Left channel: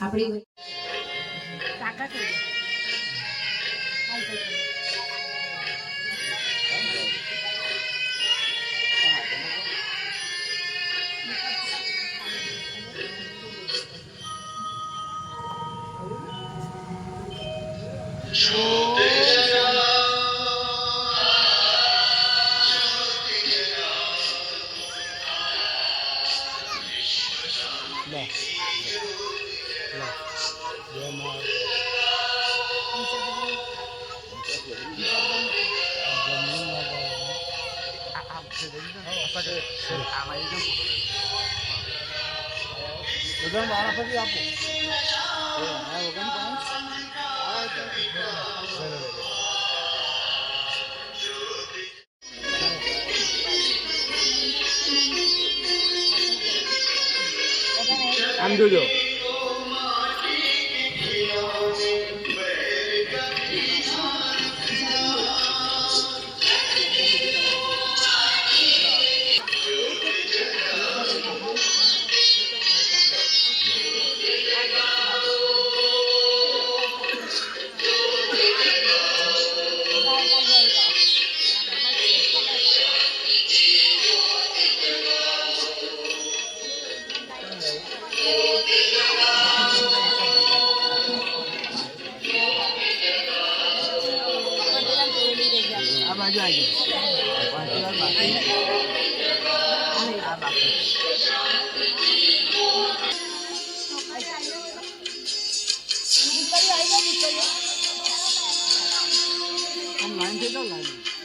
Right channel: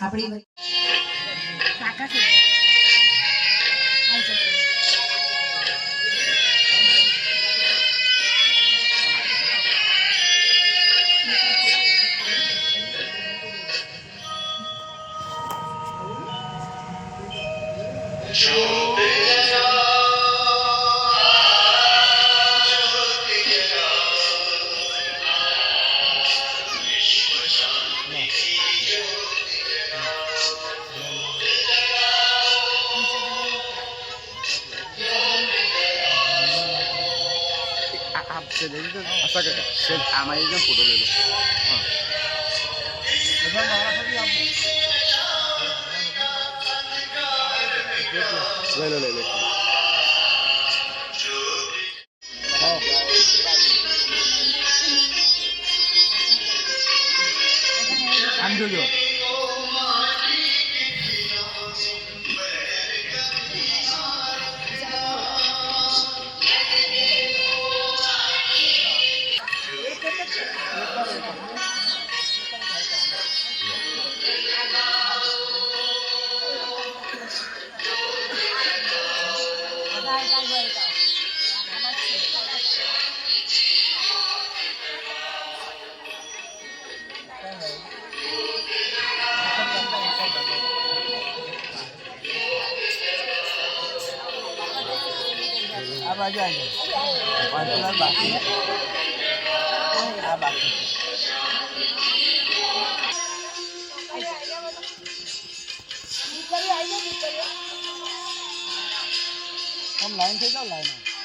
આપણી કાકા થઈ આમાં એકદમ ફોટો લઈ લો બધા વાળા ફરી આપો લઈ લો આમ જોજો આ બાજુ આવી લાઈન થઈ જાઓ લાઈન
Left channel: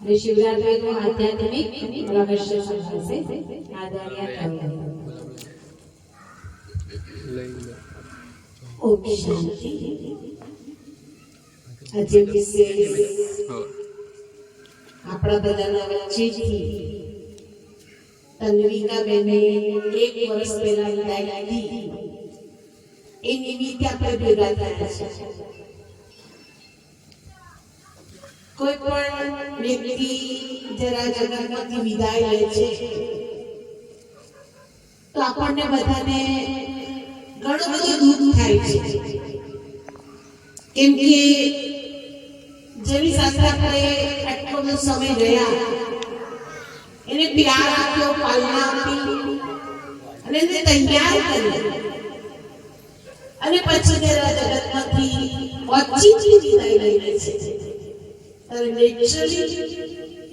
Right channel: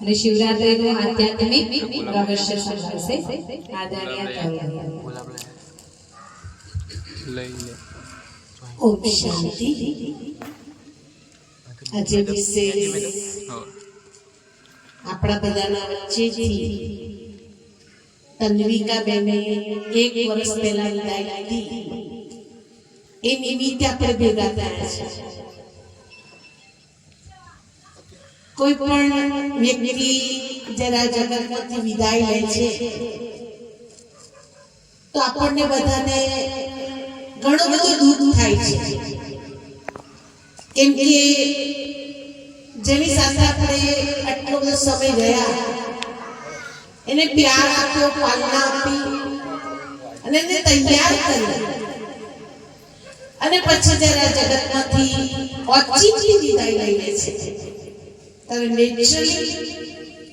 અને શિવરાત્રીનું આધ્યાત્મિક રહસ્ય સમજાશે આદરણીય ઓમ શાંતિ આજે વિશેષ આપણા બધાના વચ્ચેથી તન્વિકા બેને 1 વર્ષ પહેલા વિદાય લીધી એ નિમિત્તે આપણે ભેગા થયા છે કોઈ પણ વ્યક્તિ જરા જગતમાંથી વિદાય લે છે તો આપણને બધાને ઘણું બધું દુઃખ થાય છે કેમ કે જેની સાથે આપણે આટલો બધો સમય ગયા એને પ્યાર આપ્યો પાલના આપી અને એને તૈયાર કર્યો અને પછી જરા જગતમાંથી ઓચિંતી વિદાય લઈ લે છે તો નેચરલી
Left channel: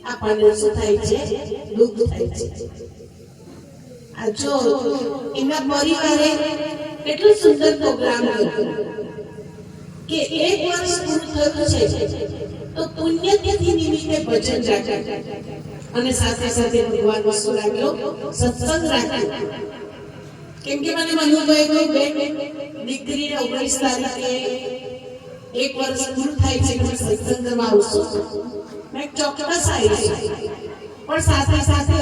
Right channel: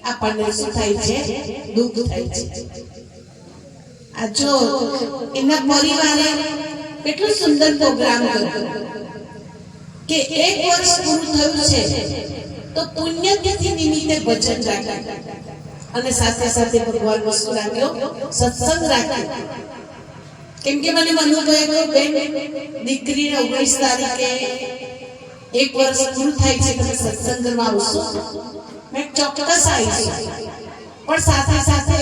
આપણને શું થાય છે દુઃખ થાય છે આ જો એના પરિવારે કેટલો સુંદર પ્રોગ્રામ કર્યો કે 1 વર્ષ પૂરું થયું છે તો પુણ્યતિથિ નિમિત્તે ભજન રાખ્યા અને સાથે સાથે ભગવાન વસ્તુ રાખ્યો, સત્સંગ રાખ્યો. કેમ કે મને મનુભાઈ કોઈ બેન દીકરીને 19 તારીખે 1 વર્ષ પૂરું થાય છે, તમે સત્સંગ કરવા આવશો? મેં ચોક્કસ આવીશું. પણ સાથે સાથે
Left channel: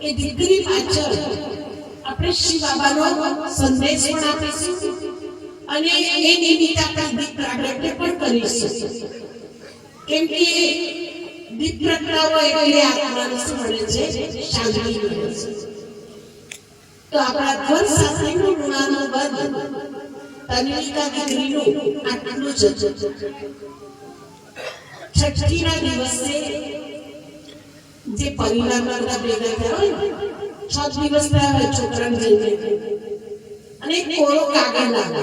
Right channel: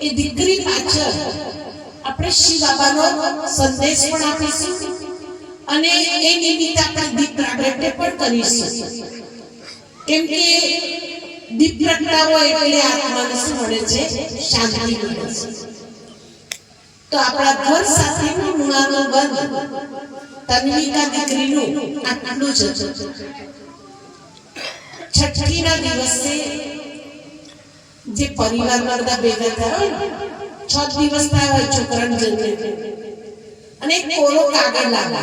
એ દીકરી પાછળ આપણે શિવ બાબાનો સંદેશ પણ આપીશું અને એ નિમિત્તે આપણે દીપ પ્રાગટ્ય પણ કરીશું. કેમ કે દીપ પ્રગટાવો એટલે આત્માને શું મળે છે? શાંતિ મળે છે. તો આપણા ઘર સાથેનું ઋણાનું બંધ તન્વિકા દીકરીનું આટલું જ હતું. છઠ્ઠીના દિવસે જે પરિવારમાં બધા ભેગા થયા હોય, 6 દિવસ થયા હોય છોકરાને જન્મે, અને એક કોરો કાગળ લાગે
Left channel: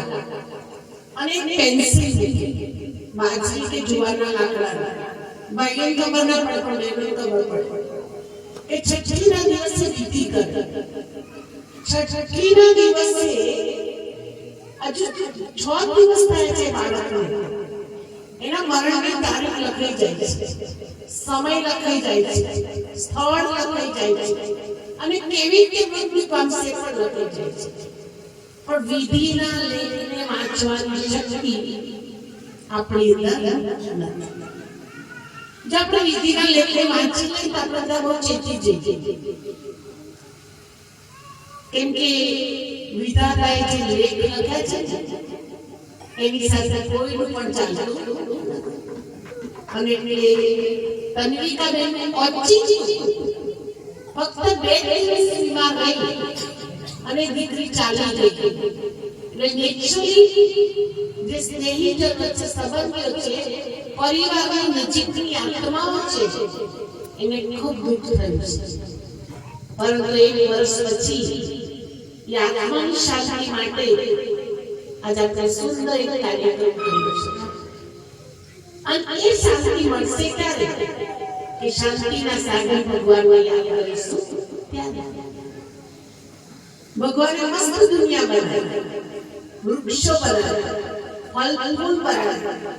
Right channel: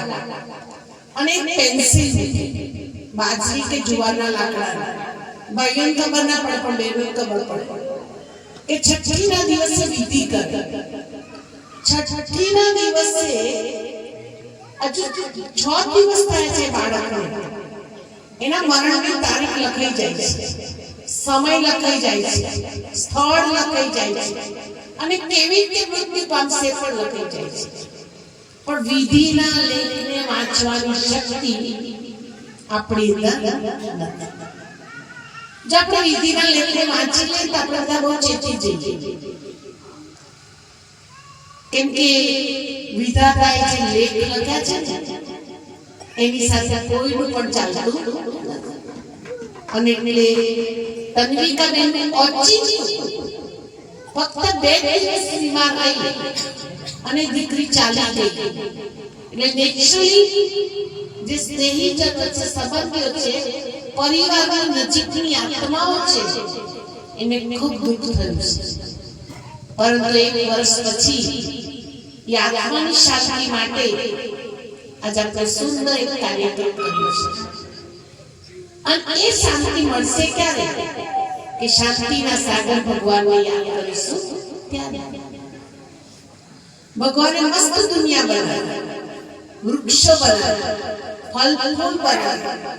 અને એક પેન્સિલ બાજરી કે જુવારના લાકડા. ભાઈઓને ખબર ના પડે પણ બહેનોને ખબર પડે કે છઠ્ઠીના દિવસે વિધિ કરે. છઠ્ઠીના દિવસે હજુ 6 દિવસ થાય છે બાળકને, એના મરણની તારીખ લખાઈ જાય છે, સમય લખાઈ જાય છે, સ્થળ લખાઈ જાય છે અને કેવી રીતે મૃત્યુ પામશે પણ લખાઈ જાય છે. પણ વિધિના લેખને વાંચવાની શક્તિ આપણી અંદર નથી. જો આપણે વિધિના લેખને વાંચી લઈએ તો આપણે ત્યાં બહુ ચેતી જઈએ. કેમ કે વિધાતાએ જે લેખ લખ્યા છે ને એની સાથે કોઈનું પણ ચાલતું અને એટલે તન્વિકા બેન ઓછી ફક્ત 2 દિવસ બીમાર રહી અને દીકરી ચાલી ગઈ. એટલે નેચરલી જે સ્નેહીજનો છે, સંબંધીઓ છે, પરિવારના નજીકની આત્માઓ છે, એને ખૂબ દુઃખ થયું છે. પરંતુ 1 વર્ષ પછી એ આત્માની શાંતિ માટે આજે આપણે સુંદર એક કાર્યક્રમ કર્યો છે. અને એ શાંતિ મળશે ક્યારે? કે શાંતિના સાગર ભગવાનને યાદ કરીશું ત્યારે. ભગવાને મસ્ત દુનિયા બનાવી, વૃક્ષો બનાવ્યા, ફળ ફૂલ બનાવ્યા,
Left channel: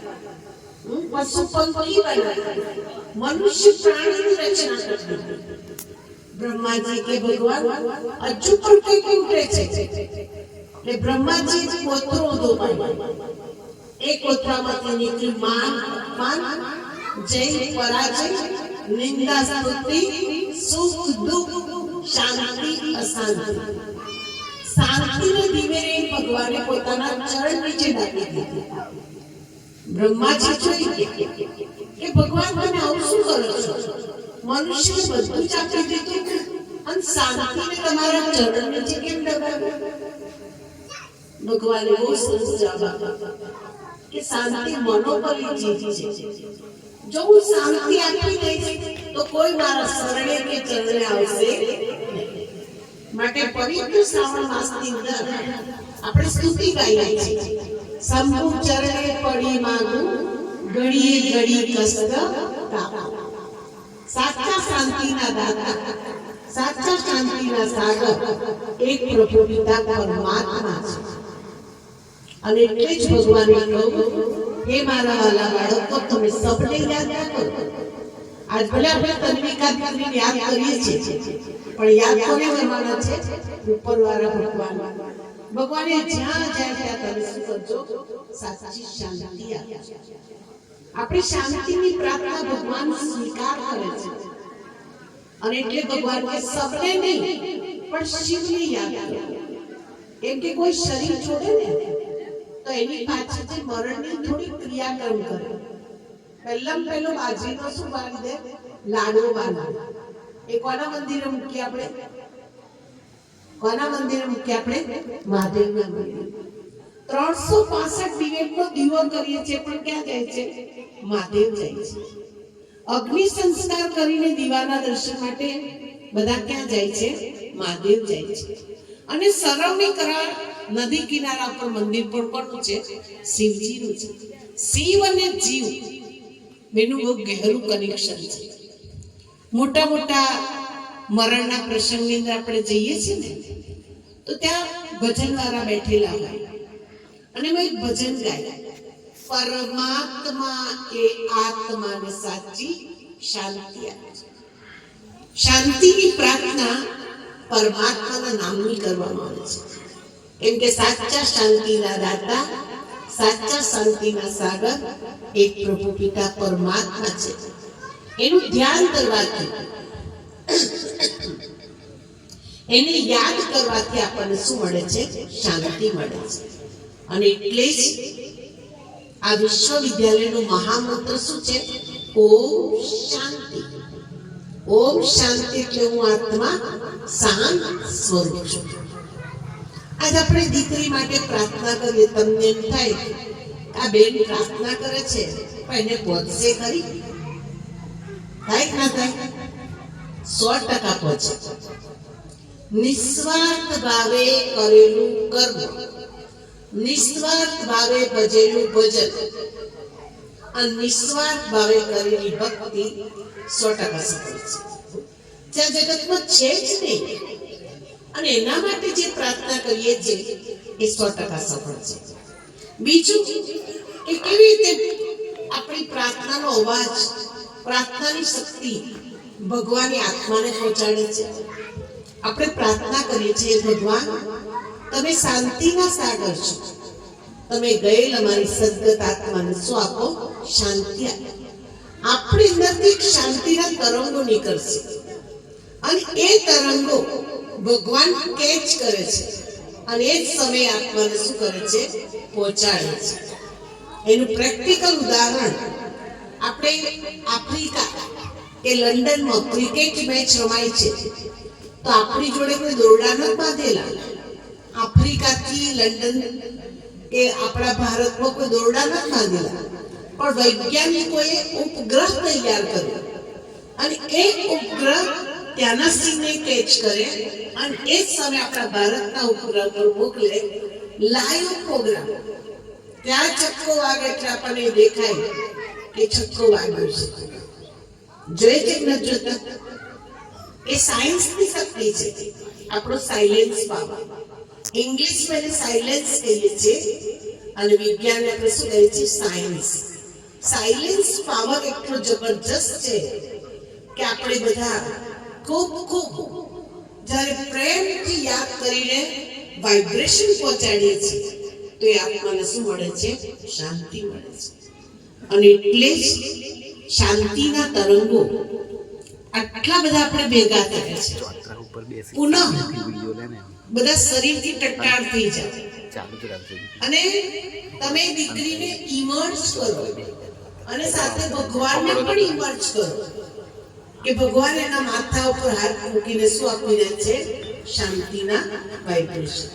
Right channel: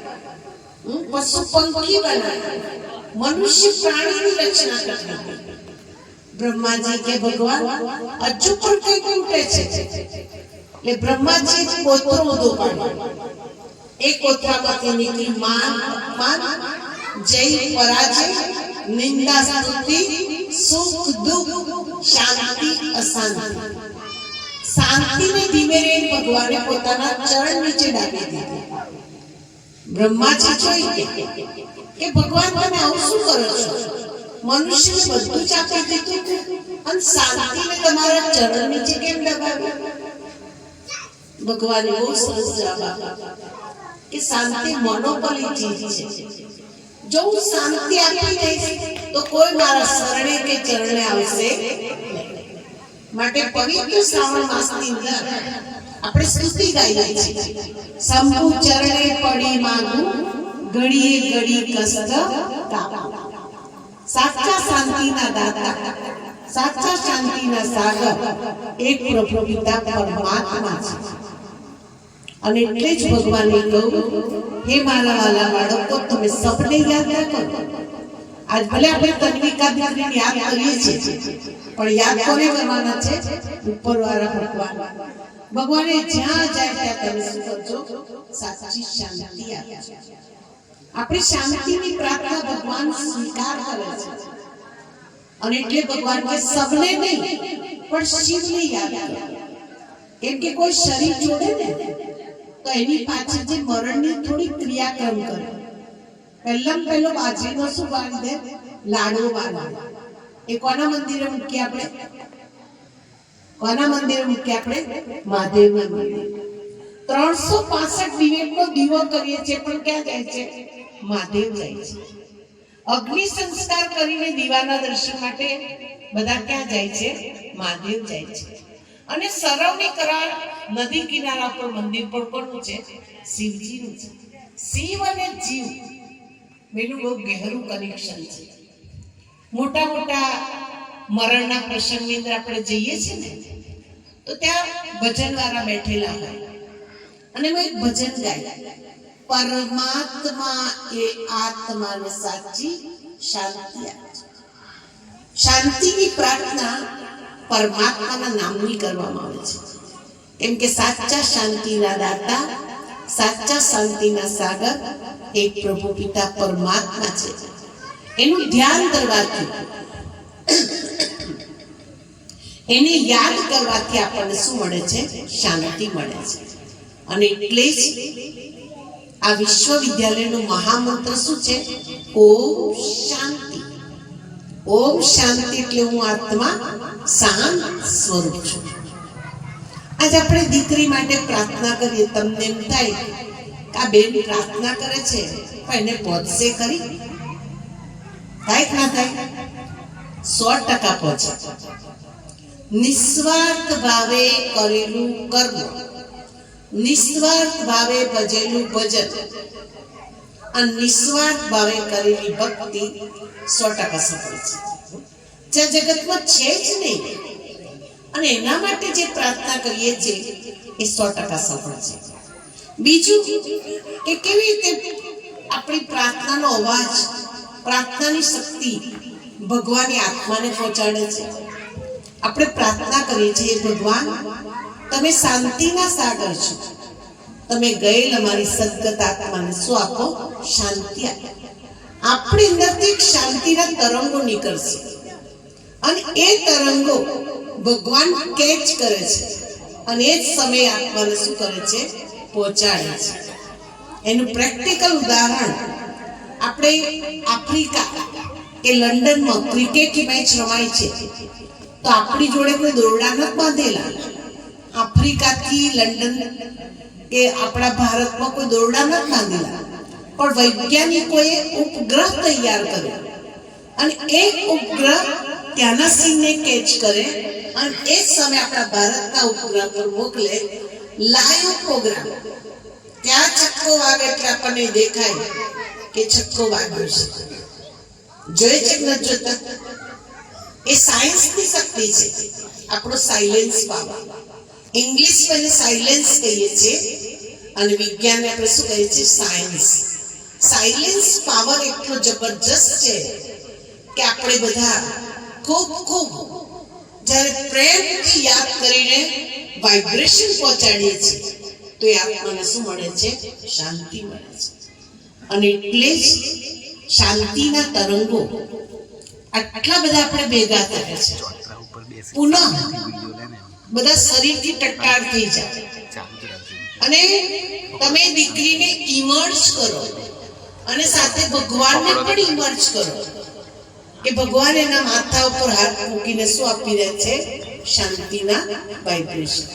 પશુ પંખી બનાવ્યા, મનુષ્ય પ્રાણીની રચના કરી. બ્રહ્માજી કે ભગવાન હજુ પણ કઈ ખૂટે છે. એ બ્રહ્માજી કોથળો ઊંધો પાડ્યો. એ કોથળામાંથી નીકળી માન, જય, પરાજય, નિંદા, સ્તુતિ, સુખ, દુઃખ, શાંતિ, અશાંતિ. શાંતિને ધીમે ધીમે ભગવાને પોતાના ચરણ નીચે ડાલી દીધી. બ્રહ્માજી જોઈએ કે ભગવાન તમે આવું શું કરો છો? મનુષ્યને બધું જ આપી દીધું અને શાંતિને તમારા ચરણ નીચે કેમ દબાવ્યું? ભગવાને બહુ સરસ જવાબ આપ્યો કે શાંતિ મોનોપોલી ચીજ છે. જો હું શાંતિ આપી દઈશ તો કોઈ મારા શરણે કે ચરણે આવશે નહીં. માટે પવિત્ર શ્રાવણ માસની અંદર આપણે સ્તુતિ ગાઈએ છીએ. શંભુ ચરણે પડી માગું, ઘડીએ ઘડી કષ્ટ કાપો. સાચા શાંતિના દાતા, સાચા શાંતિના સાગર એક પ્રભુ પિતા પરમાત્મા છે. અને એટલે જ ભગવાને કહ્યું, હે મારા વાલા બાળકો, તમે સૌને યાદ ના કરો. આજ ભલે આપણે તન્વિકા દીકરીને યાદ કરીએ છીએ, પણ યાદ કોને કરવાના છે? ઉપરવાળા ભગવાન. ભગવાને જ્યાં જાય ત્યાં તમે શું કરજો? સાચી શાંતિ આપજો. આપણી શાંતિની પ્રાર્થના ભગવાન સ્વીકાર કરે છે. અને એટલે ભગવાન કે સબને નહીં પણ શિવને યાદ કરો. કેમ કે કોઈ શરીર છોડે ને તો એની પાછળ જે મરણની થોડી ક્રિયાક્રમ કરે. પહેલો બાજરીનો શું બાંધી દે? લાડવો બાંધે. એ કોના મંદિરે મૂકીએ આપણે? કોના મંદિરે મૂકીએ આપણે? મહાદેવના મંદિરે. 365 દિવેટનો દીવો કરીએ છીએ પણ ક્યાં જાય છે? મહાદેવ જાય છે. અગ્નિ સંસ્કાર કરીને દીવાના દર્શન માટે બધા ક્યાં જાય છે? મહાદેવ જાય છે. અને સરવણી કરાર નદી કિનારા પર મંદિર પણ કોનું છે? શિવજીનું છે. શિવ અને જીવ બેનું બહુ ગહેરું કનેક્શન છે. મોટા મોટા મરણના પ્રસંગની અંદર આપણે જઈએ છીએ ને તો ત્યાં ભજનવાળા બેઠેલા હોય અને મેં એક ભજન ગાય, પરમાત્મા એ આત્માને સાચી શાંતિ આપે છે. શાંતિની પ્રાર્થના પરમાત્માના નામની કરવામાં આવે છે, કેમ કે સાચા શાંતિના દાતા, સાચા શાંતિના સાગર એક પ્રભુ પિતા પરમાત્મા છે. એનું ધ્યાન કરવાથી, એને યાદ કરવાથી આપણને શું મળે છે? શાંતિ મળે છે. અને એટલે જ આ વિશ્વવિદ્યાલયનો મહામંત્ર શું છે? ઓમ શાંતિ. ઓમ શાંતિ એટલે હું આત્મા શાંત સ્વરૂપ છું. આજે આપણે દીકરી માટે પ્રાર્થના કરીએ, તમને એમ થાય કે આ બેન પ્રાર્થના કરે છે પણ એને પહોંચશે ખરી? થાય કે ના થાય? 100% પહોંચે. નિસ્વાર્થ ભાવે કરેલું કર્મ, નિસ્વાર્થ ભાવે ભજેલું ભજન અને નિસ્વાર્થ ભાવે કરેલી ભક્તિ 100% સફળ છે. જ્યાં જગતમાં છે જ નહીં, અને એના માટે જે પ્રાર્થના કરીએ છીએ એ 100% સફળ છે. બીજું કે કેવી રીતે આપણી પ્રાર્થનાનો અવાજ, પ્રાર્થનાની શક્તિ ભગવાનની આત્માને પહોંચાડે છે. આપણે પ્રાર્થના કરીએ છીએ, ભગવાન તમે શાંતિના સાગર છો, તમે ગયેલ અમારી સદગત આત્માને શું આપો? શાંતિ આપો. આપણી અંદરથી એક શાંતિના તરંગો નીકળશે અને એ તરંગો ભગવાન કેચ કરે છે અને એ જ સમયે આત્માને શું કરે છે? પહોંચાડે છે. એનું પ્રેક્ટિકલ ઉદાહરણ આપણે આફ્રિકા કે લંડનમાં ક્રિકેટની મેચ રમાય છે તો આપણી જોડે કોઈ દોરડા નથી બાંધેલા. આફ્રિકાથી લંડન કે આપણા ભારતમાં કોઈ દોરડા નથી બાંધેલા, પણ વૈજ્ઞાનિકોએ ઉપગ્રહ તૈયાર કર્યો અને એક ઉપગ્રહ ત્યાંના સીનને કેચ કરે અને એ જ સમયે આપણા ભારતના ઉપગ્રહ પર મોકલે લાઈવ પ્રોગ્રામ. ત્યાં છક્કો વાગે એટલે આપણને દેખાય કે છક્કો વાગ્યો છે. જોઈ છે ન જોતા? એ સાયન્સની શક્તિ છે, આપણો સાયલેન્સ પાવર. ઇંગ્લિશમાં એને સાયલેન્સ કહીએ છીએ અને વિજ્ઞાન આપણે શું કહીએ છીએ? સાયન્સ. સાયલેન્સ પાવર એટલો જબરજસ્ત છે કે આપણે બધા ખૂબ ખૂબ જ્યારે પ્રેમથી યાદ કરીને વાઇબ્રેશન પહોંચાડીએ છીએ તો એ આત્માને શું મળે છે? શાંતિ મળે છે. અને એટલે જ શાંતિના તરંગો આટલા બધા આપણે ભેગા થયા છે. પુનઃ બધા શરીરથી ટટ્ટાર થઈ જાય અને તમે દીકરીને ઇમર્જ કરો અને સાથે ભગવાનને પણ ઇમર્જ કરો કે ભગવાન એના માથા ઉપર હાથ મૂકીને શું આપી રહ્યા છે? શાંતિના વાઇબ્રેશન.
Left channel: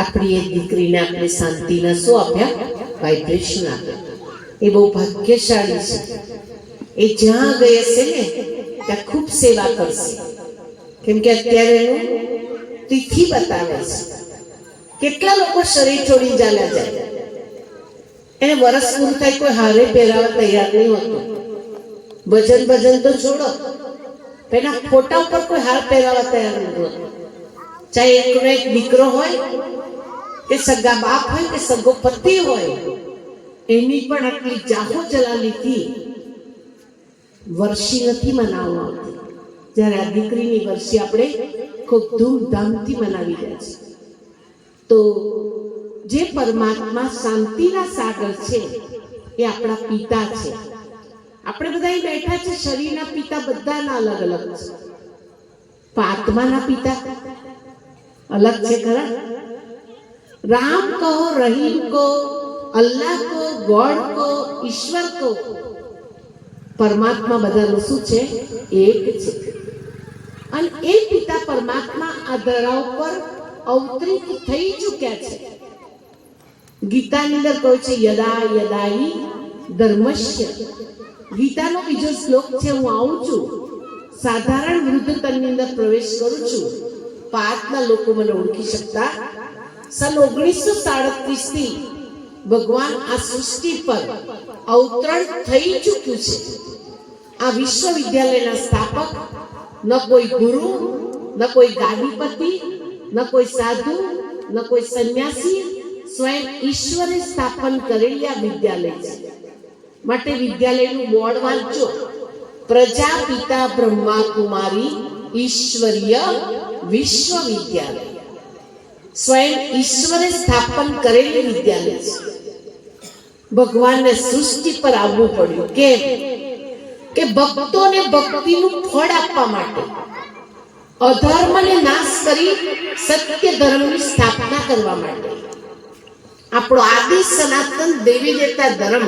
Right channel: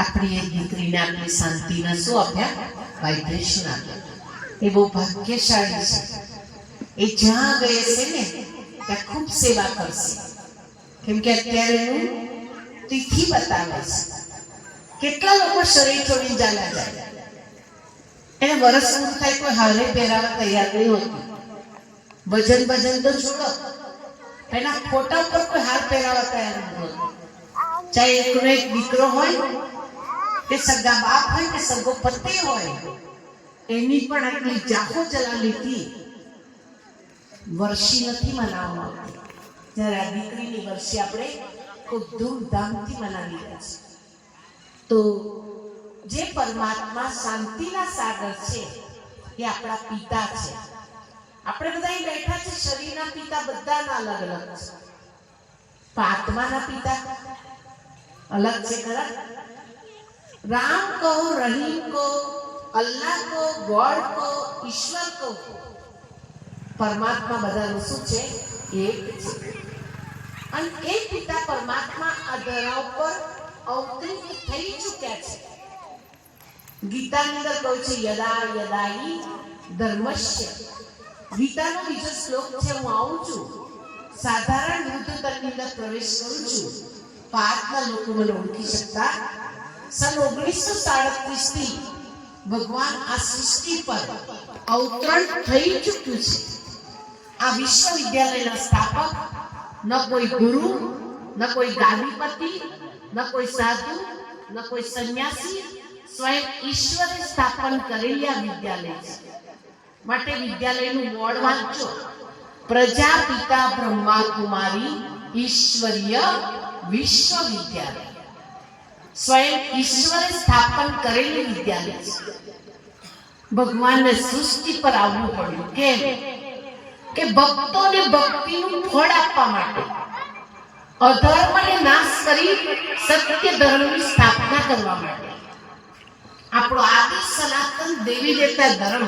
આપણી એક દીકરીને આપણે શાંતિના શું આપ્યા? વાઇબ્રેશન આપ્યા. એ બહુ ભાગ્યશાળી છે. એ જ્યાં ગઈ હશે ને ત્યાં ખૂબ સેવા કરશે, કેમ કે અત્યારે એનું તિથિ બતાવે છે. કેટલા લોકો શરીર છોડી ચાલ્યા જાય, એને વરસ પૂરું થાય કોઈ હારે પહેરાવા તૈયાર નહીં હોતું. ભજન તો છોડો, એના ફોટા ઉપર કોઈ હાર પહેરાવા તૈયાર નહીં હોતું. ચાહે એકનો એક દીકરો હોય કે સગા બાપ હોય કે સગો પતિ હોય, એની પણ આટલી જાહો જલાલીથી વર્ષી નથી મનાવવામાં આવતી. જ્યારે આ દીકરીની વર્ષી આપણે ખૂબ ધૂમધામથી મનાવી રહ્યા છીએ. તો જે પરમાત્મા શાંતિના સાગર છે એ આપણા પિતા છે. આપણે બધા અહીં બેઠા છે, શરીરના પિતા બધાના અલગ અલગ છે, પણ આત્માના પિતા अलग से खरा. राम को, रहीम को, अल्लाह को, गॉड को, ईश्वर को, परमात्मा बधाનું શું છે? એક છે. અને એ પિતા પરમાત્મા આ ધરા ઉપર અવતરિત થઈ ચૂક્યા છે. ગીતાની અંદર કહ્યું છે યદા યદાહી ધર્મસ્ય. ગીતાનો બીજો શ્લોક છે, હું આવું છું, સાધારણ વૃદ્ધ તનની અંદર પ્રવેશ કરું છું, પાતના લોકો મને ઓળખી શકતા. સન 1937 થી ભગવાન આ સૃષ્ટિ પર અવતરણ થઈ ચૂક્યું છે. આ વિશ્વવિદ્યાલયના સ્થાપક ન કોઈ ગુરુ, ન કોઈ ગાદીપતિ, ન કોઈ સાધુ, ન કોઈ સંન્યાસી, સ્વયં ઈશ્વરે સ્થાપન કરેલી આ વિદ્યાલય છે. માટે વિદ્યાલયનું બોર્ડ વાંચો, પ્રજાપિતા બ્રહ્મા કુમારી ઈશ્વરીય વિશ્વવિદ્યાલય. સ્વયં ઈશ્વરે સ્થાપન કરેલી વિદ્યાલય છે. ભગવાનને સૃષ્ટિ પર આવવું પડ્યું. કેમ? કે ભક્તોને ભક્તિનું ફળ આપવા માટે, અધર્મને નાશ કરી સત્ય ધર્મની સ્થાપના કરવા માટે. આપણો આદિ સનાતન દેવી દેવતા ધર્મ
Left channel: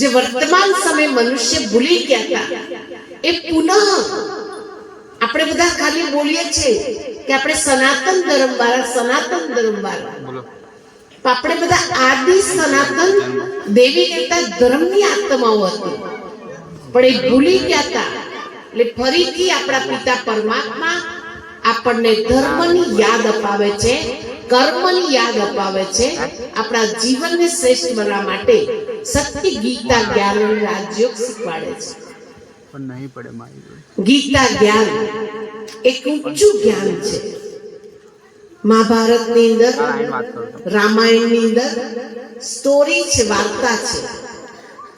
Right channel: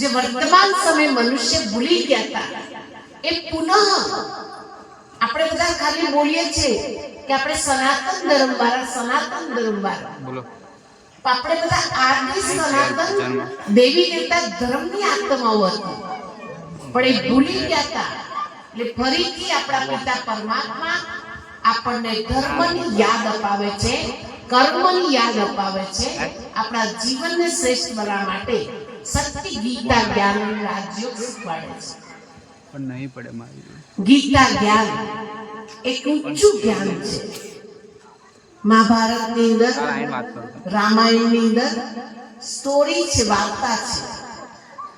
જે વર્તમાન સમય મનુષ્ય ભૂલી ગયા હતા, એ પુનઃ આપણે બધા ખાલી બોલીએ છીએ કે આપણે સનાતન ધર્મ વાળા, સનાતન ધર્મ વાળા. આપણે બધા આદિ સનાતન દેવી દેવતા ધર્મની આત્માઓ હતી, પણ એ ભૂલી ગયા હતા. એટલે ફરીથી આપણા પિતા પરમાત્મા આપણને ધર્મની યાદ અપાવે છે, કર્મની યાદ અપાવે છે. આપણા જીવનને શ્રેષ્ઠ બનાવવા માટે સત્ય ગીતા જ્ઞાન રાજયોગ શીખવાડે છે. પણ નહીં પડે મારી જોડે. ગીતા જ્ઞાન એક ઊંચું જ્ઞાન છે. મહાભારતની અંદર, રામાયણની અંદર સ્ટોરી છે, વાર્તા છે.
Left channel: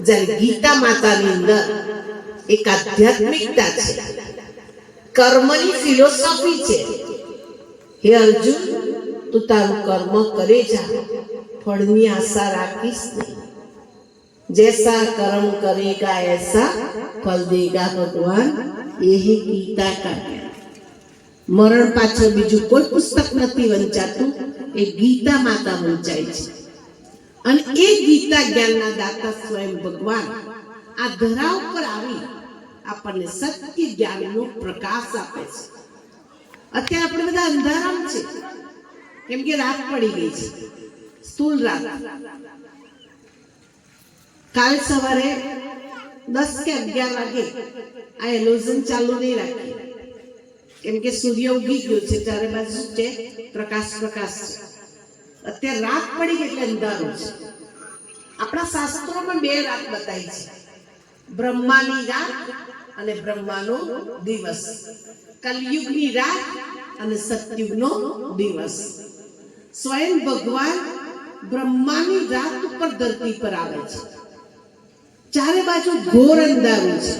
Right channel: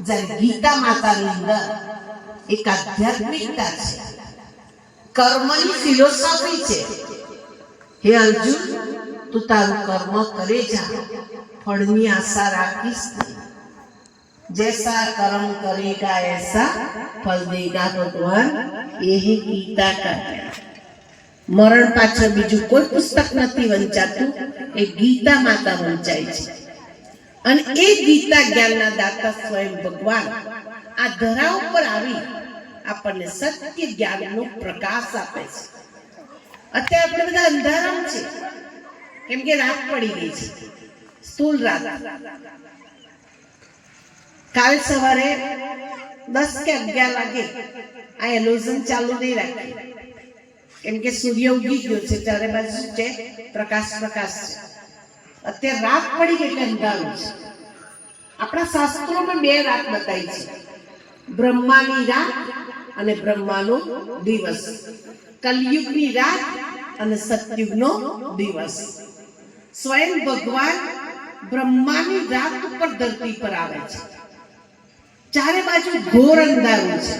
જ્યારે ગીતા માતાની અંદર એક આધ્યાત્મિકતા છે, કર્મની ફિલોસોફી છે. હે અર્જુન, તું તારું કર્મ કરે જા, ફળની આશા રાખીશ નહીં. जैसा कर्म करेगा ऐसा फल देगा भगवान. ये है गीता का ज्ञान. मरण पाछળ બીજું કોઈ પુસ્તક નથી વંચાતું, એ ગીતા માતા વંચાય છે. અને એ ગીતા જ્ઞાનના દાતા સ્વયં ભગવાન આ ધરા ઉપર આવી આપણને સત્ય જ્ઞાનનો પ્રકાશ આપે છે. અત્યારે આપણે બધા અંધારામ છે, કેમ કે રાત પડી ગઈ છે, સ્થૂળ રાત. કાલ સવારે 10 કે 11 વાગે આ એલોઝન ચાલુ નહીં રાખી, કેમ કે સૂર્ય ઉગી ગયો છે, ચારે બાજુ છે પ્રકાશ પ્રકાશ છે. અત્યારે રાત પડી ગઈ એટલે અંધારું છે. આપણા શાસ્ત્રોમાં 2 રાત બતાવી છે, બ્રહ્માની રાત અને બ્રહ્માનો દિવસ, કલયુગની રાત અને સતયુગનો દિવસ. સ્વયં ભગવાન બ્રહ્માની રાત ઉપર ધરતી પર આવે છે. ચારે બાજુ ઘોર અંધારું છે.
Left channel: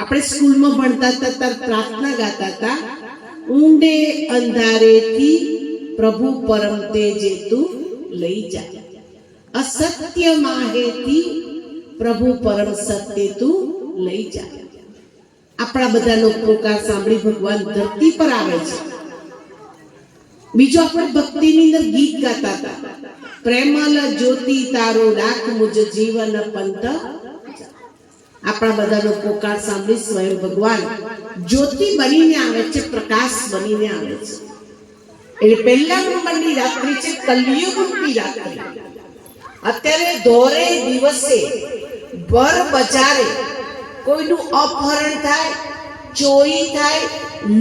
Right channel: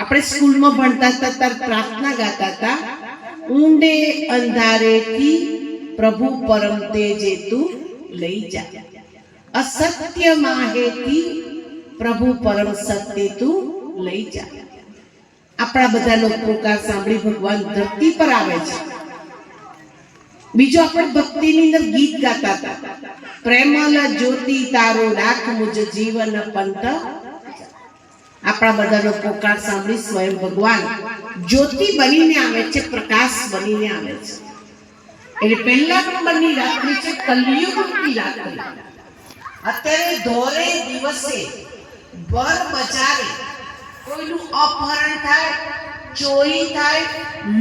આપણે સ્કૂલમાં ભણતા હતા ત્યારે પ્રાર્થના ગાતા હતા, ઊંડે અંધારેથી પ્રભુ પરમ તેજે તું લઈ જા, અસત્ય માહેથી પ્રભુ પરમ સત્ય તું લઈ જા. આપણા બધાનો પોકાર સાંભળી ભગવાન ધરતી પર આવે છે. બીજું આપણે ભક્તિની અંદર ગીત ગાતા હતા, પ્રેમલ જ્યોતિ તારો ડાક મુજ જીવન પંથ. આપણા બધાનો પોકાર સાંભળી સ્વયં ભગવાન જ્યોતિ બનીને આવે છે, પ્રકાશ બનીને આવે છે. એટલે પહેલા નંબરની રાત્રિ છે કલયુગની રાત્રિ. અત્યારે ધોરે દિવસે ભર બજારે કોઈનું અપહરણ થાય, ચોરી થાય,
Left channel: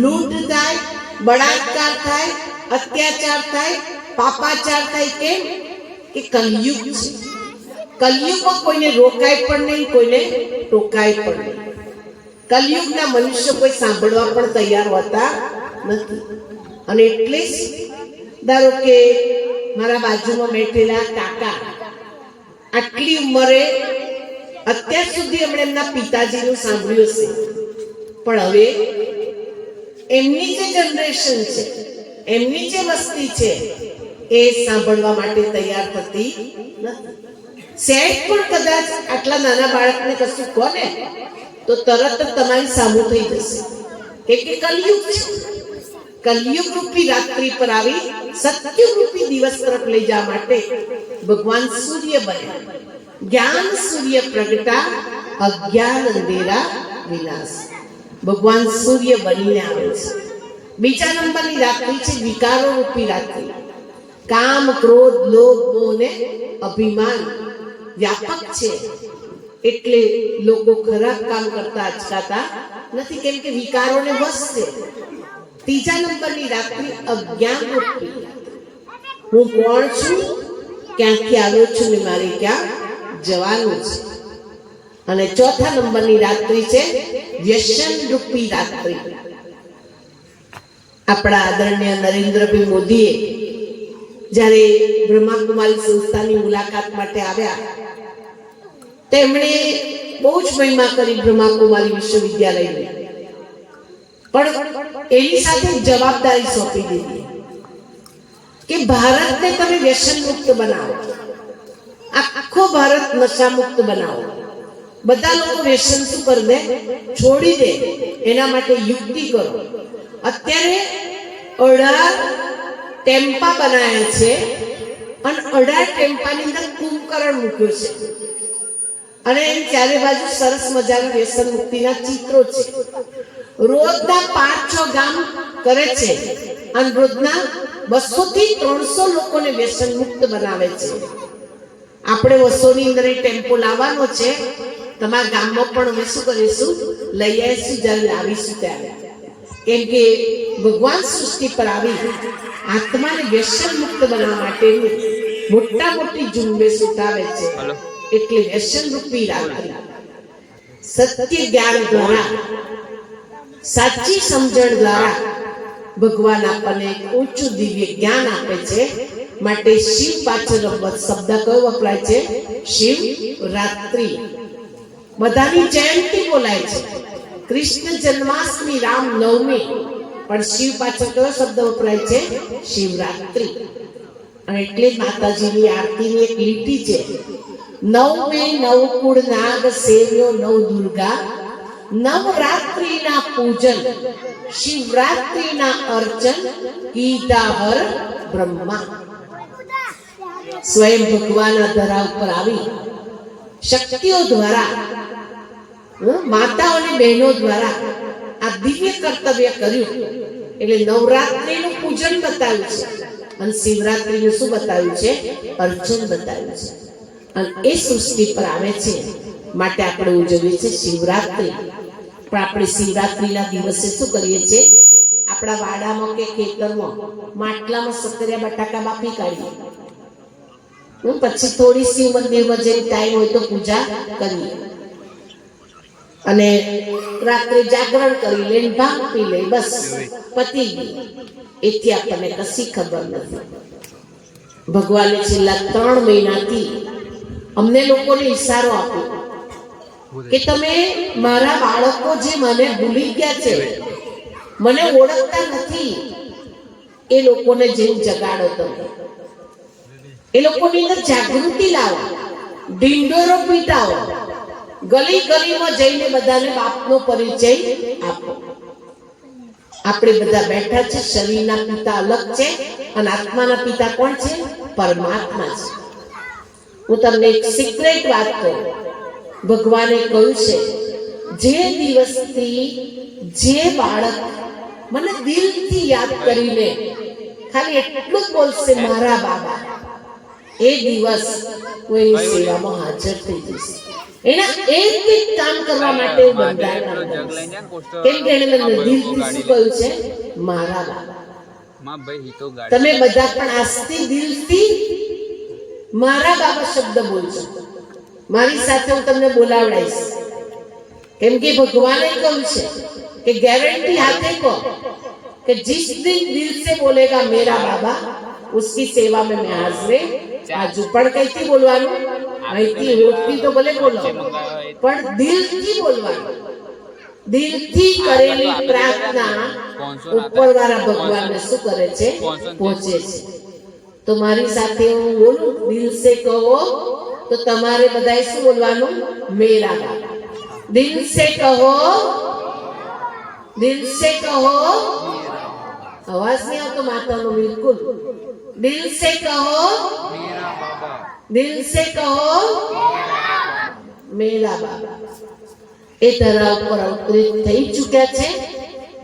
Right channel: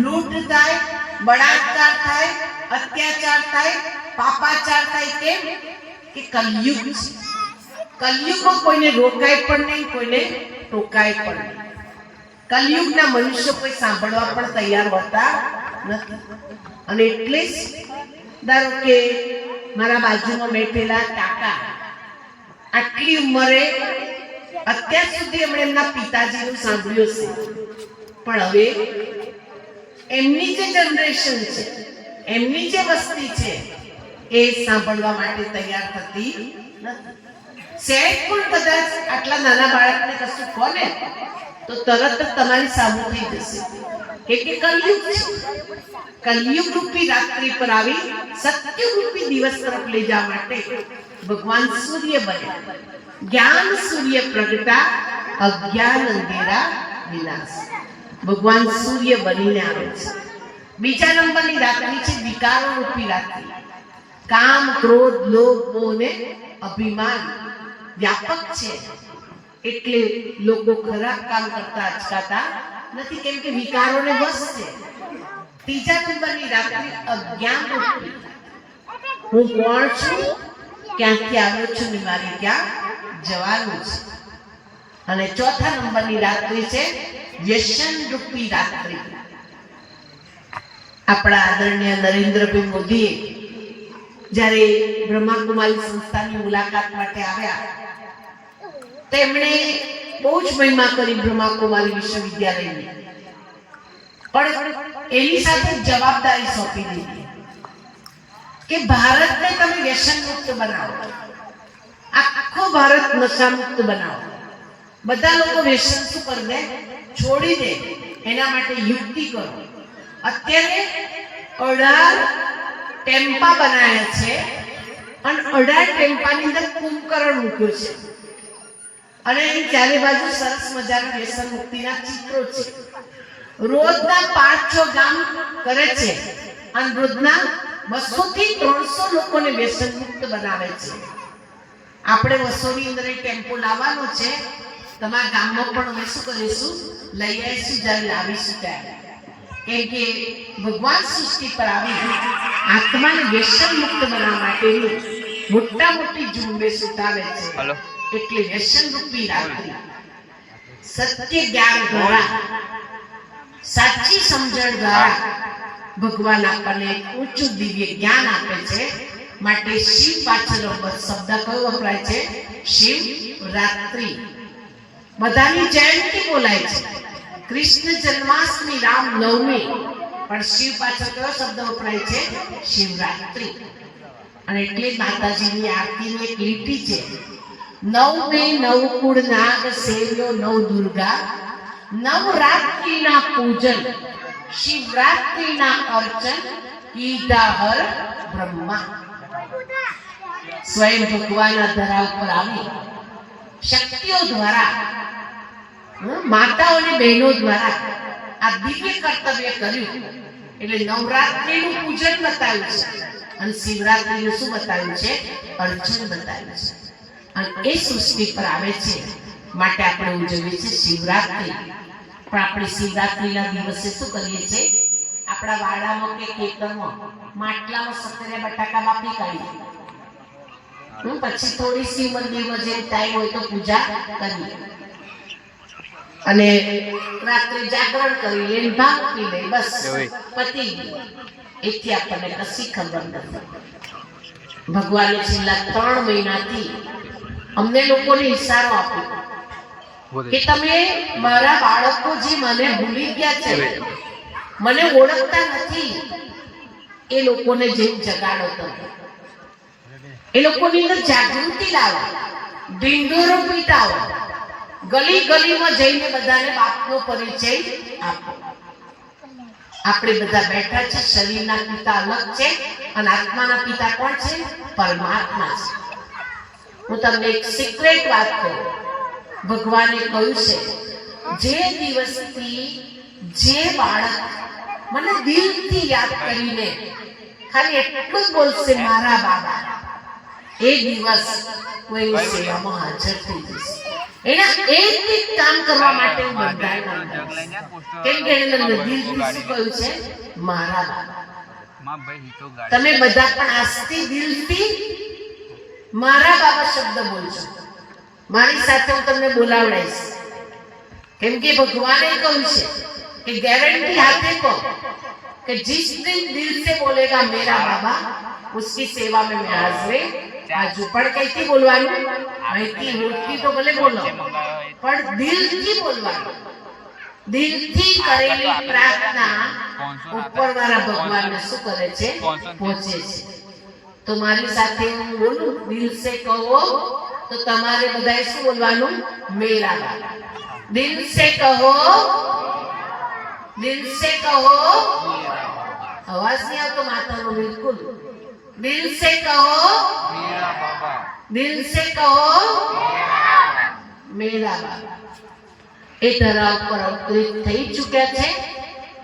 લૂંટ થાય, બળાત્કાર થાય, અત્યાચાર થાય, પાપાચાર થાય. કેમ? કે કલયુગ છે. કલયુગમાં કોઈને રોકાય પણ નહીં, કોઈને ટોકાય પણ નહીં. કલયુગના મનુષ્યો કોઈ સાંભળવા પણ તૈયાર હોતા નથી. અને એટલે જ ધારો કે મારા બાજુમાં બેઠેલા કાકા આટલી ઉંમરે અત્યાર સુધી એમણે એમના પિતાજીનું સાંભળ્યું છે, પણ હવે એમની જે જનરેશન છે, એમની જે વસ્તી છે, એ સાંભળવા માટે તૈયાર થતી નથી. સેટ પણ કદાચ આટલા નાના બાળકને કશું કોને તો તરત જ તમારી સામું થઈ જશે કે કલયુગ છે. કલયુગ રૂપી રાત્રિ પર આવી સત્ય રૂપી દિવસ તરફ લઈ જવા માટે ભગવાન સૂર્ય બન્યા. જ્ઞાન સૂર્ય પ્રગટા, અજ્ઞાન અંધેરા વિનાશ. ભગવાન સૂર્ય બનીને આવે છે. બીજા નંબરની રાત્રિ છે વિકારો રૂપી રાત્રિ. કામ, ક્રોધ, લોભ, મોહ ને અભિમાન વ્યાપક છે, એટલે લોકો ખરાબ કામ કરતા અચકાતા નથી, કેમ કે વિકારોને વશ છે. ત્રીજા નંબરની રાત્રિ અજ્ઞાન રૂપી. હું કોણ છું, ક્યાંથી આવ્યો છું ને મારે ક્યાં જવાનું છે. અને ચોથા નંબરની રાત્રિ છે વ્યસન રૂપી રાત્રિ. આપણા આદરણીય નરેન્દ્રભાઈ મોદીએ જ્યારે બ્રહ્માકુમારી સંસ્થાની મુલાકાત માટે આવ્યા તેમણે બહુ જ મહિમા કરી બ્રહ્માકુમારી વિશ્વવિદ્યાલયની, પણ એની સાથે જવાબદારી સોંપી દીધી કે ભારતને તમે વ્યસન મુક્ત બનાવો, આખો ભારત નશા મુક્ત બનાવો, બધા લોકો વ્યસન શું કરી દે, છોડી દે, એના માટે યુક્તિ કરો. અત્યારે 18 ટેમ્પા બનાવ્યા છે અને 18 ટેમ્પાની અંદર કુંભકરણ મૂક્યું છે અને ચારે બાજુ સરસ મજાના વ્યસન મુક્તિના ચિત્રો છે. રોજના 5-6 ગામ કરે છે અને રોજના 200 થી 300 લોકોને વ્યસન મુક્ત બનાવે છે. આપણે વસોની અંદર ટેમ્પો લાવવાનો છે, તમારા ગામમાં પણ અમે શું કરીશું, લઈ આવીશું જ્યારે લાવીશું ત્યારે. કેમ કે ભગવાન સૃષ્ટિ પર આવી આત્માને વ્યસન મુક્ત બનાવવા માટેની મોટી ઝુંબેશ ઉઠાવે છે. એટલે વ્યસન રૂપી રાખવી, સત્ય જ્ઞાન દ્વારા, સાચી સમજણ દ્વારા ભગવાન આપણને એક ઊંચું દિવ્ય જ્ઞાન આપે છે. માટે શિવ પાછળ શબ્દ કયો વપરાય છે? શિવરાત્રિ. બધાની જયંતિ બોલાય છે, કૃષ્ણ જન્માષ્ટમી, રામ નવમી, પણ શિવ પાછળ કયો શબ્દ વપરાય છે? શિવરાત્રિ. અને એટલે માતાજીની આરતીની એક લીટી છે, નવમે નવકુળ નાગ સેવ્યો નવ દુર્ગા, નવરાત્રિના પૂજન શિવરાત્રિના અર્ચન, કીધા હર બ્રહ્મા. સ્વયં ભગવાન આ ધરા ઉપર આવી શક્તિઓ દ્વારા, માતાઓ અને બહેનો દ્વારા આ દિવ્ય કર્તવ્ય કર્યું. એટલે નવરાત્રિનું પૂજન બતાવ્યું છે અને શિવરાત્રિનું શું બતાવ્યું છે? અર્ચન બતાવ્યું છે. અને એ સૃષ્ટિ પર આવે છે માટે આપણે ઉજવીએ છીએ શિવરાત્રિ. પણ આપણે શિવરાત્રિના દિવસે શું કરીએ છીએ? આપણા વાડામાં કે ખેતરમાં માટલામાં સક્કરિયા બટાકા બાફી કાઢીએ, પછી થોડી શિવ મંદિરમાં જે ટાઈમ હોય તો પૂજા કરીએ અને રાત્રે જાગરણ કરી લઈને ભાંગ પી લે, બસ પતી ગયું. એથી આપણને કશી ખબર નથી. ભગવાને છેલ્લા 3 મહિનાથી અમને લોકોને ઈશારો આપ્યો કે તમે મારા બાળકો જે મને ભૂલી ગયા છે, મને ઓળખતા નથી, એ લોકોને જેવું જગાડો તમે, એ લોકોની અંદર જાગૃતિ લાવો, ઢીંડોરો પીટાવો, ગલી ગલીમાં જઈને બધાને બાપનો પરિચય આપો. આપણે બધા બેઠા છે, શરીરના પિતા અલગ છે અને આત્માના પિતા કોણ છે? પરમાત્મા છે. હું તમને એક સિક્રેટ વાત કહું, ભગવાને કહ્યું છે, જે દિવસથી જે બાળક મને દિલથી યાદ કરીને ખાલી એટલું જ બોલશે મારા બાબા, એ દિવસ હું એની સેવામાં હાજર થઈ જઈશ. એના એક કામ કરવા માટે હું બંધાયેલા રહીશ. કેમ કે એને મને દિલથી શું કહ્યું છે? મારા બાબા. તમે બધા પણ આજથી દિલથી મારા બાબા શબ્દ બોલજો. મારી સાથે હું તમને બોલાવડાઈશ. કેમ કે ભગવાને કહ્યું છે कि गारंटी हाथे को कि जिस दिन दिल से बोलेगा मेरा बाबा उसकी सेवा में मैं हाजिर आजू. पण कैसी बोलवानु? અહીંથી હોઠથી તો ભલે બોલો, પણ દિલથી બોલવાનું. દિલથી કરેલી પ્રાર્થના ઉપરવાળા ભગવાનને શું કરે છે? પહોંચે છે. તો મારી સાથે હું બોલું, દિલ સે કહો, તો તમારે બધાએ શું બોલવાનું? મેરા બાબા. દિલ સે કહો, દિલ સે કહો. અવાજ નહીં આવતો માતાનો બિલકુલ. દિલ સે કહો, દિલ સે કહો મેરા બાબા. એ ધરા ઉપર અવતરિત થઈ ચૂક્યા છે.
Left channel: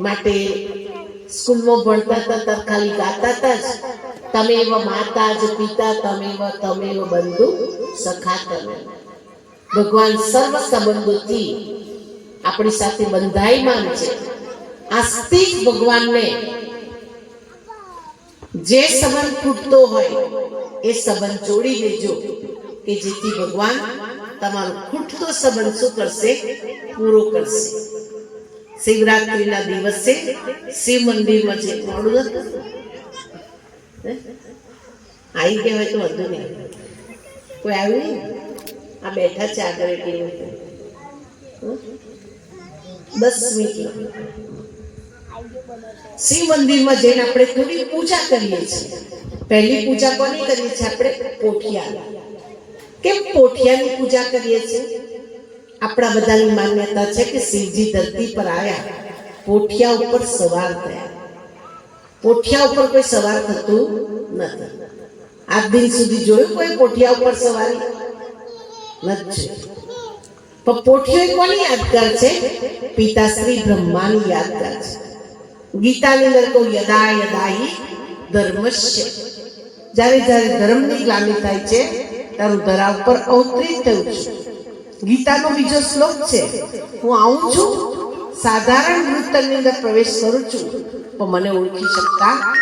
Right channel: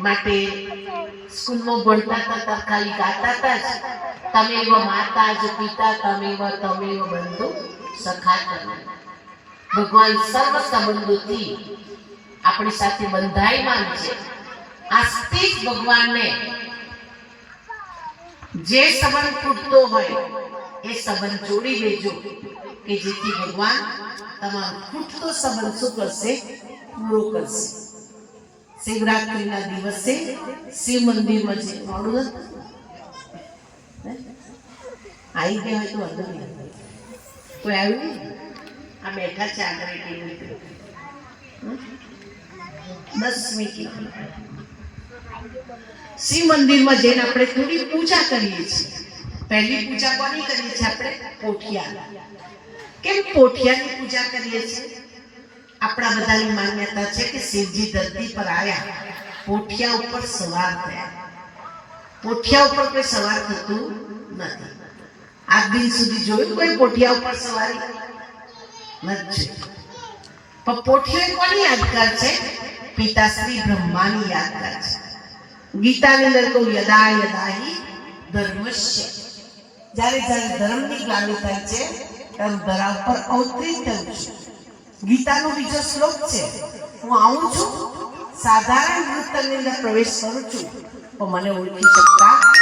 માટે સ્કૂલમાં ભણતા હતા ખાલી ગાતા હતા જ, તમેવ માતા જ પિતા તમેવ બંધુ સખા તમે. ભગવાન સર્વ સંબંધોથી આપણી સાથે બંધાયમાન છે. આજથી જ ભગવાનને જે સંબંધ ખૂટતો હોય એ સંબંધ જોડી દેજો કે જેથી ભગવાન તમારો ખૂટતો સંબંધ શું કરશે? પૂરો કરશે. શિવરાત્રીના દિવસે શિવ મંદિરમાં જે મોડું હતું આવી ગયા હોય તો વધુ નહીં. કોઈ આવ્યું નહીં? આ બેઠા છે આગળ એટલી રીતે 10 મિનિટ શિવ મંદિરમાં જઈને આપણે થોડી પૂજા કરીએ છીએ. પહેલી પૂજા કોની કરીએ છીએ આપણે? પોઠિયા. કેમ પોઠિયાની પૂજા કરીએ છીએ? આપણા બધાની માન્યતા છે કે શિવજી ધરતી પર આવ્યા, પોઠિયા ઉપર સવાર થયા. પોઠિયા ઉપર કોઈ સવાર થતું નથી. આજ દિન સુધી જોયું કોઈ પોઠિયા ઉપર સવારી નથી. પણ પોઠિયો કોની યાદગાર છે? પિતાશ્રી બ્રહ્માની યાદગાર છે. ગીતાની અંદર કહું યદા યદા હિ ધર્મસ્ય, જ્યારે જ્યારે ધર્મની ગ્લાનિ થાય છે ત્યારે ધરા ઉપર અવતરિત થયું છે. ગીતાનો બીજો શ્લોક છે, હું આવું છું, સાધારણ વૃત્તની અંદર પ્રવેશ કરું છું તો મને ઓળખી શકતા નથી.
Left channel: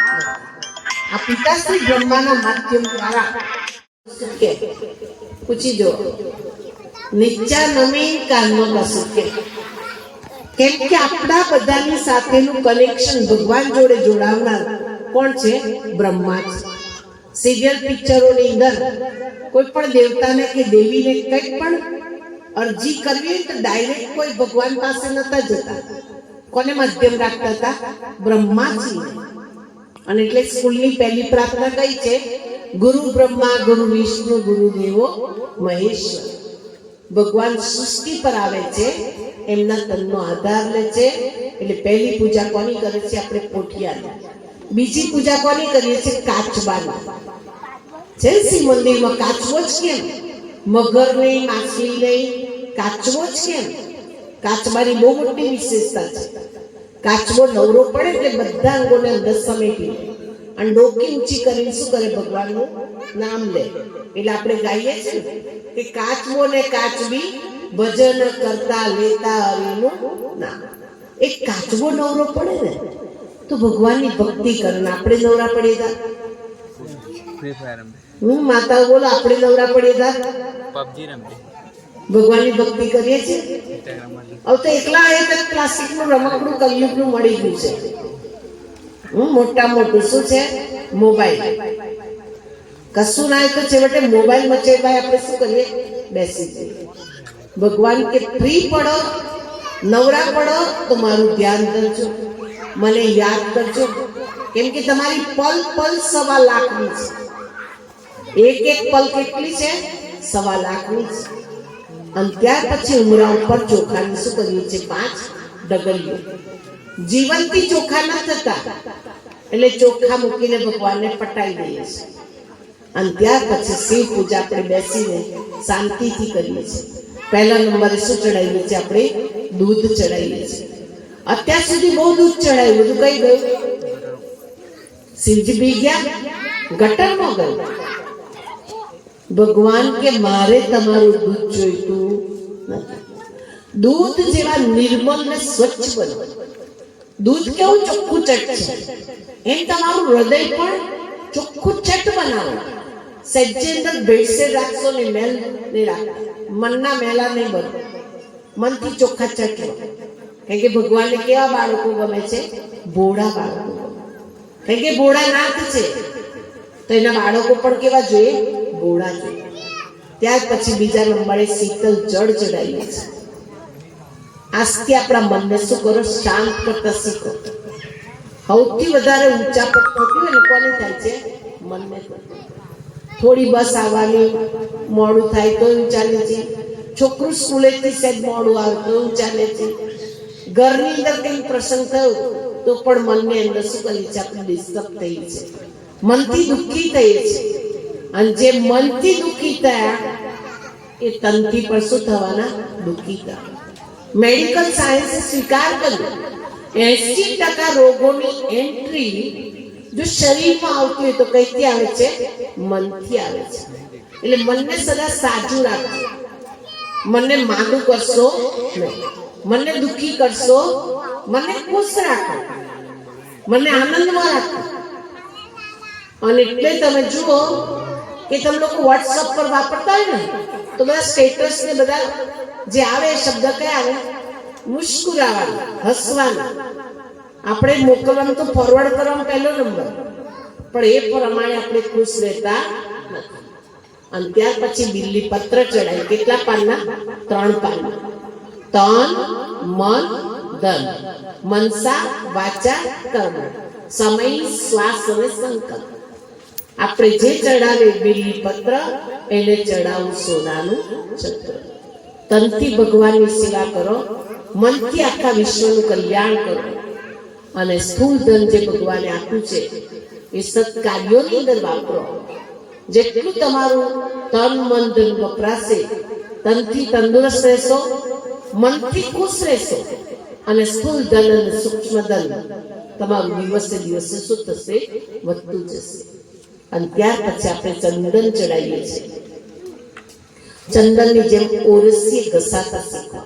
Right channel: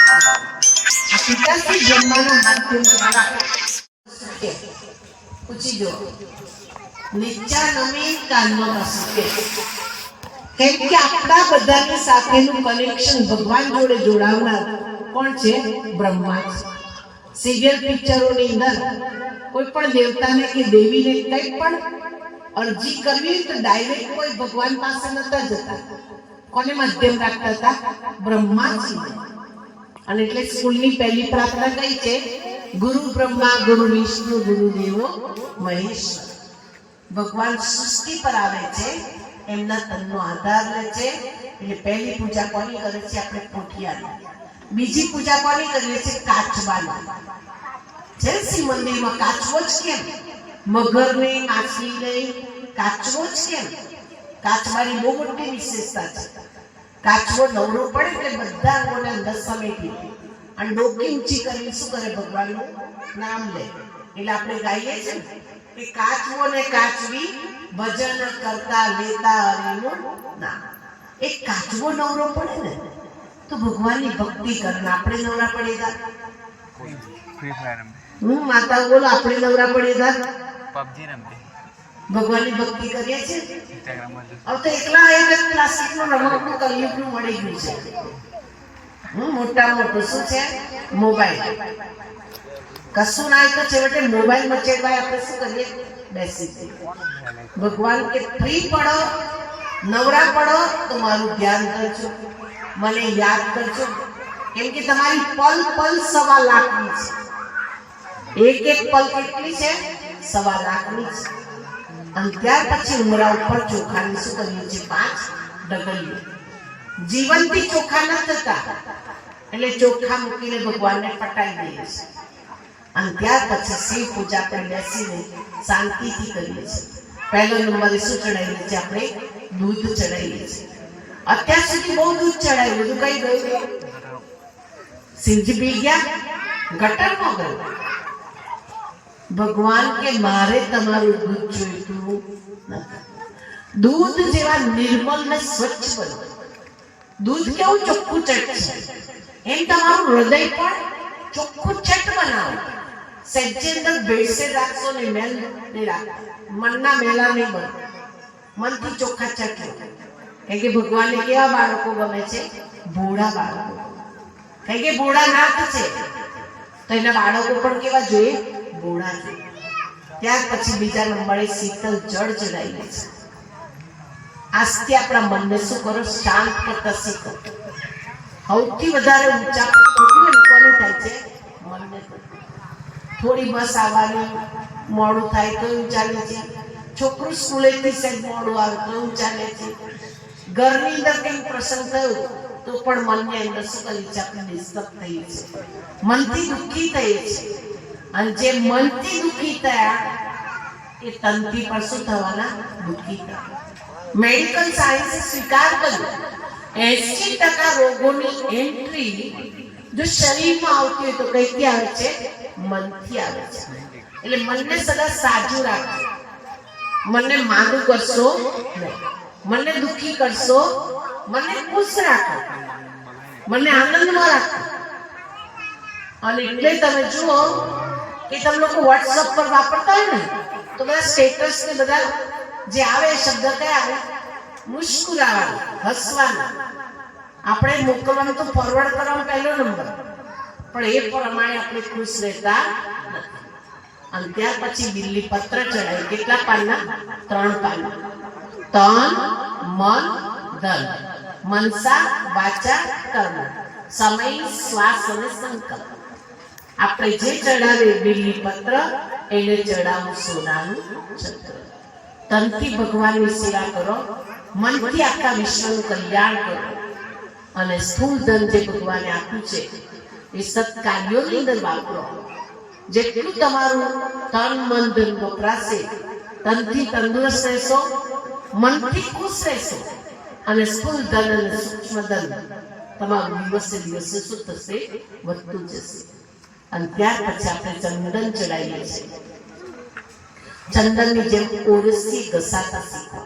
આ પિતાશ્રી બ્રહ્માના માધ્યમ દ્વારા પૂછી જો નિત્યા નમી કાનમાં સુકે. કેમ કે આપણા બધાની સાથેનું કનેક્શન ભગવાન જોડે જોડાવનાર કોણ છે? બ્રહ્મા છે. સિરિયલ પિક્ચરોની અંદર કોઈ પણ દેવતાને કે દેવીને કંઈ પણ અરજી કરવી તો ડાયરેક્ટ કોઈ ભગવાન પાસે નતા જતા. કોને માધ્યમ રાખતા હતા? બ્રહ્માજી. અને એટલે સ્કૂલની પહેલી પ્રાર્થના કઈ છે? ગુરુ બ્રહ્મા ગુરુ વિષ્ણુ ગુરુ દેવો મહેશ્વર. ભગવાન સૃષ્ટિ પર આવે છે, એમના તનનો આધાર લે છે. એટલે પહેલી પૂજા કોની કરે છે આપણે? પોઠિયાની. બીજી પૂજા કોની કરીએ છીએ? કાચબાની. છે શિવ મંદિરમાં કાચબો જ કેમ? મગર નહીં, માછલી નહીં, કાચબો જ કેમ? કાચબાની બહુ મોટી વિશેષતા છે. કાચબો નવરો પડે એટલે બધા અંગોને અંદર સમેટી અને ડોકી ઊંચી કરીને શું કરે? ભગવાનનું નામ લે. એટલે આપણે ગાઈએ છીએ કે કાચબો ને કાચબી ભજન કરતા લેતા હરિનું નામ. એક કાચબો નવરો પડે ને તો ભગવાનની ભક્તિ કરે. ને આપણે નવરા પડેગા? હું માતા બોલો, આપણે નવરા પડેગા? પબજી રમતી, ભગવાનની ભક્તિ કરીએ છીએ. હવે તો એકલા એક જ પ્લાસ્ટિકનું રમકડું કલયુગનું મળી ગયું છે. મોટા મોટું શું છે? મોબાઈલ. કશું ના તો છેવટે મોબાઈલ મચેડવા આપણે શું કરીએ? બેસી જઈએ. ભગવાન કે ફ્રી પડો, નવરા પડો તો મારું ધ્યાન કરજો, મને યાદ કરજો. કેમ કે તમારી પલ પલ 1.25 લાખની છે. એક એક પલ કેટલી છે? 1.25 લાખની છે. અને ત્યાર પછી ઉમરા ઉપર ચોખાની શું કરીએ છીએ? 5 ડગલીઓ. જીવનથી ચોખા ન થતા એટલે ચોખા મૂકીને ભગવાનને પટાઈ દઈએ છીએ. અને ત્યાર પછી શિવ પૂજા આપણે બેસીને શાંતિથી કરીએ છીએ. પહેલા નંબરે શું ચડાવીએ છીએ? આપણે દૂધ ચડાવીએ છીએ. અત્યાર સુધી બહુ દૂધ ચડાવ્યું, બધું કઈ ગયું? શિવજી પી ગયા, ગટરમાં ગયું. ભગવાન કે મારે તમારું દૂધ જોઈતું નથી. દૂધ જેવા નિર્મલ ને સ્વચ્છ બનો. દૂધ કેવું ચોખ્ખું ચટ છે, એમ તમારું હૃદય પણ ચોખ્ખું ચટ બનાવો. સજ્જે અંદર ભેળસેળ રાખશો ને મેલ નહીં રાખો. મનના મેલા નહીં બનો, મનથી ચોખ્ખા ચટ લો. કારણ કે ભગવાનને કેવા બાળકો ગમે છે? ભોળા બાળકો. કારણ કે ભોળા નાથ છે તો એના બાળકો પણ કેવા જોઈએ? ભોળા જોઈએ. ત્યાર પછી બીજા નંબરે શીતલ જળ ચડાવીએ છીએ. આજથી આપણા મનને શું કરો? શાંત કરતા શીખો. સૌથી વધારે ઊંચા પર પહોંચ્યું ને કોને થાય છે? મનને. થોડી બસ આવવાની મોડું થાય તો ચાલે છે. છોકરું સ્કૂલેથી સહેજ મોડું આવે તો ચાલે છે. ઘરની અંદર કંઈ પ્રસંગ થયો તો પણ મનને અંદર શું કરી છે? આપણે ડિસ્ટર્બ થઈ છે, મનથી દુઃખી થઈએ છે. અને જે મનથી દુઃખી થયા એ તનથી પણ શું થવાના? દુઃખી થયા. મેડિકલ સાયન્સે સ્વીકાર કર્યો 80% રોગોની એન્ટ્રી જો શરીરમાં આવતી હોય તો કઈથી આવે છે? મનથી આવે છે. એટલે મનને સદા સાજું રાખો. મનને માંદું કરશો નહીં, મનને દુઃખી કરશો, મને ખુશ રાખો, મને આનંદમાં રાખો. અને એટલે તમે જુઓ કે તમે લોકો વોટ્સઅપ પર વાપરતા હોય ને તો બધા સ્ટેટસ ને બધા જે આવે શબ્દ કયા આવે? મુસ્કુરાવાનું, હસવાનું. આપણે મોકલવામાં તો ફોરવર્ડ કરવામાં પહેલો નંબર, પણ એ પ્રમાણે આપણે ખુશ રહેતા નથી. અને ત્યાર પછી બિલ્લી પત્ર ચડાય. કેટલા પાનના? 3 પાનના. તન, મન, ધન, મનસા, વાચા, કર્મ, સમય, શ્વાસ અને સંકલ્પ. આપણે જે ચડાવે બિલ્લી પત્ર એને ચડાવું સોનાનું છત્ર. તનથી ભગવાનની સેવા કરો, મનથી આખા વિશ્વનું કલ્યાણ કરો, અને સ્થૂળ ધન જે ભગવાને આપ્યું છે એ સત્કાર્યોની અંદર વાપરો. જેટલું તમારું તન મન ધન વપરાશે, તનથી તંદુરસ્ત રહેશો, મનથી ખુશ રહેશો, અને સ્થૂળ ધન અને સૂક્ષ્મ ધન તમારું દિવસે દિવસે શું થશે? વધતું જશે. અને ત્યાર પછી આપણે ચંદન ચડાવીએ છીએ. ચંદનની જેમ ઓરસી ઘસાતા શીખો.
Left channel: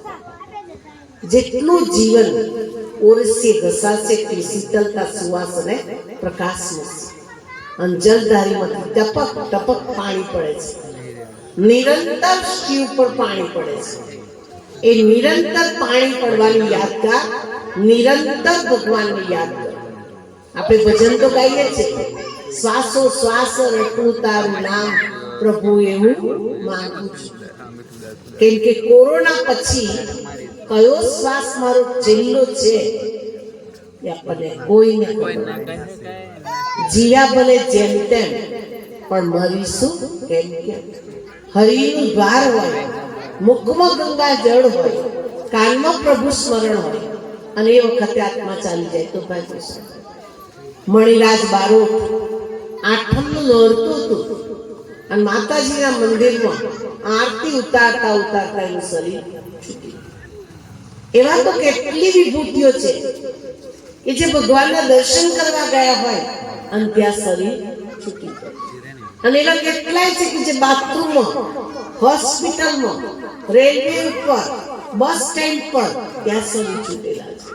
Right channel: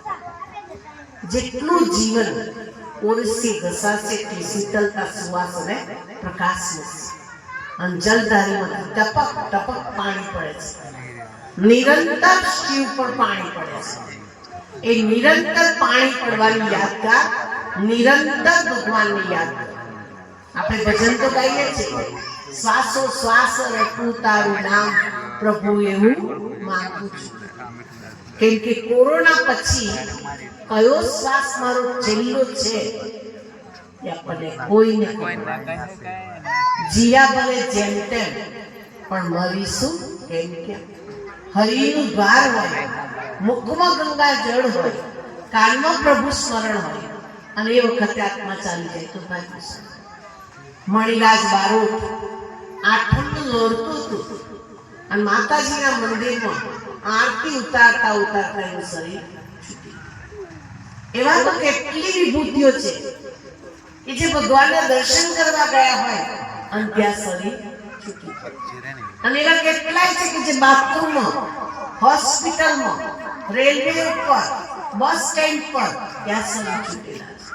જેટલું જીવન ઓરસી ઘસાશે એટલી શીતળતા, સુવાસ અને પ્રકાશ મળશે. અને જલધારીમાંથી ટપક ટપક પાણી પડે છે. નિરંતર શિવ પર પાણી પડે છે. એ નિરંતર પાણી પડવાની યાદગાર, નિરંતર ભગવાનને યાદ કરો. આપણે ભજન તો ગાઈએ છીએ, શ્વાસો શ્વાસ રટું તારું નામ પ્રભુ એવું માંગુ છું. કેમ કે કોરોના પછી કયો શ્વાસ મારો છેલ્લો છે એ આપણને કોઈને જીયા ભલે જેમ તેમ, પણ મરીશું કેમ કેમ. હરિનું દ્વાર હોય, મુખમાં ગંગા જળ હોય, કાનમાં પ્રભુ સ્મરણ હોય, અને એ વખતે આત્મા ચાલી જાય તો ભાગ્યશાળી. મણિરાજ બારોટ આઠમનું નોરતું હતું અને માતાજીના મંદિરમાં આરતી ઉતારતા ઉતારતા એનું શરીર છૂટી. એવા તો કેટલી વિભૂતિઓ છે કે જે ભગવાનના દર્શન કરવા ગયા હોય અને ત્યાં શરીર છૂટી પડે. અને એવા કેટલાય છે કે જે બાથરૂમમાં, હોસ્પિટલમાં, રેલવે ઉપર, બસ સ્ટેન્ડ પર ત્યાં શરીર છૂટેલા છે.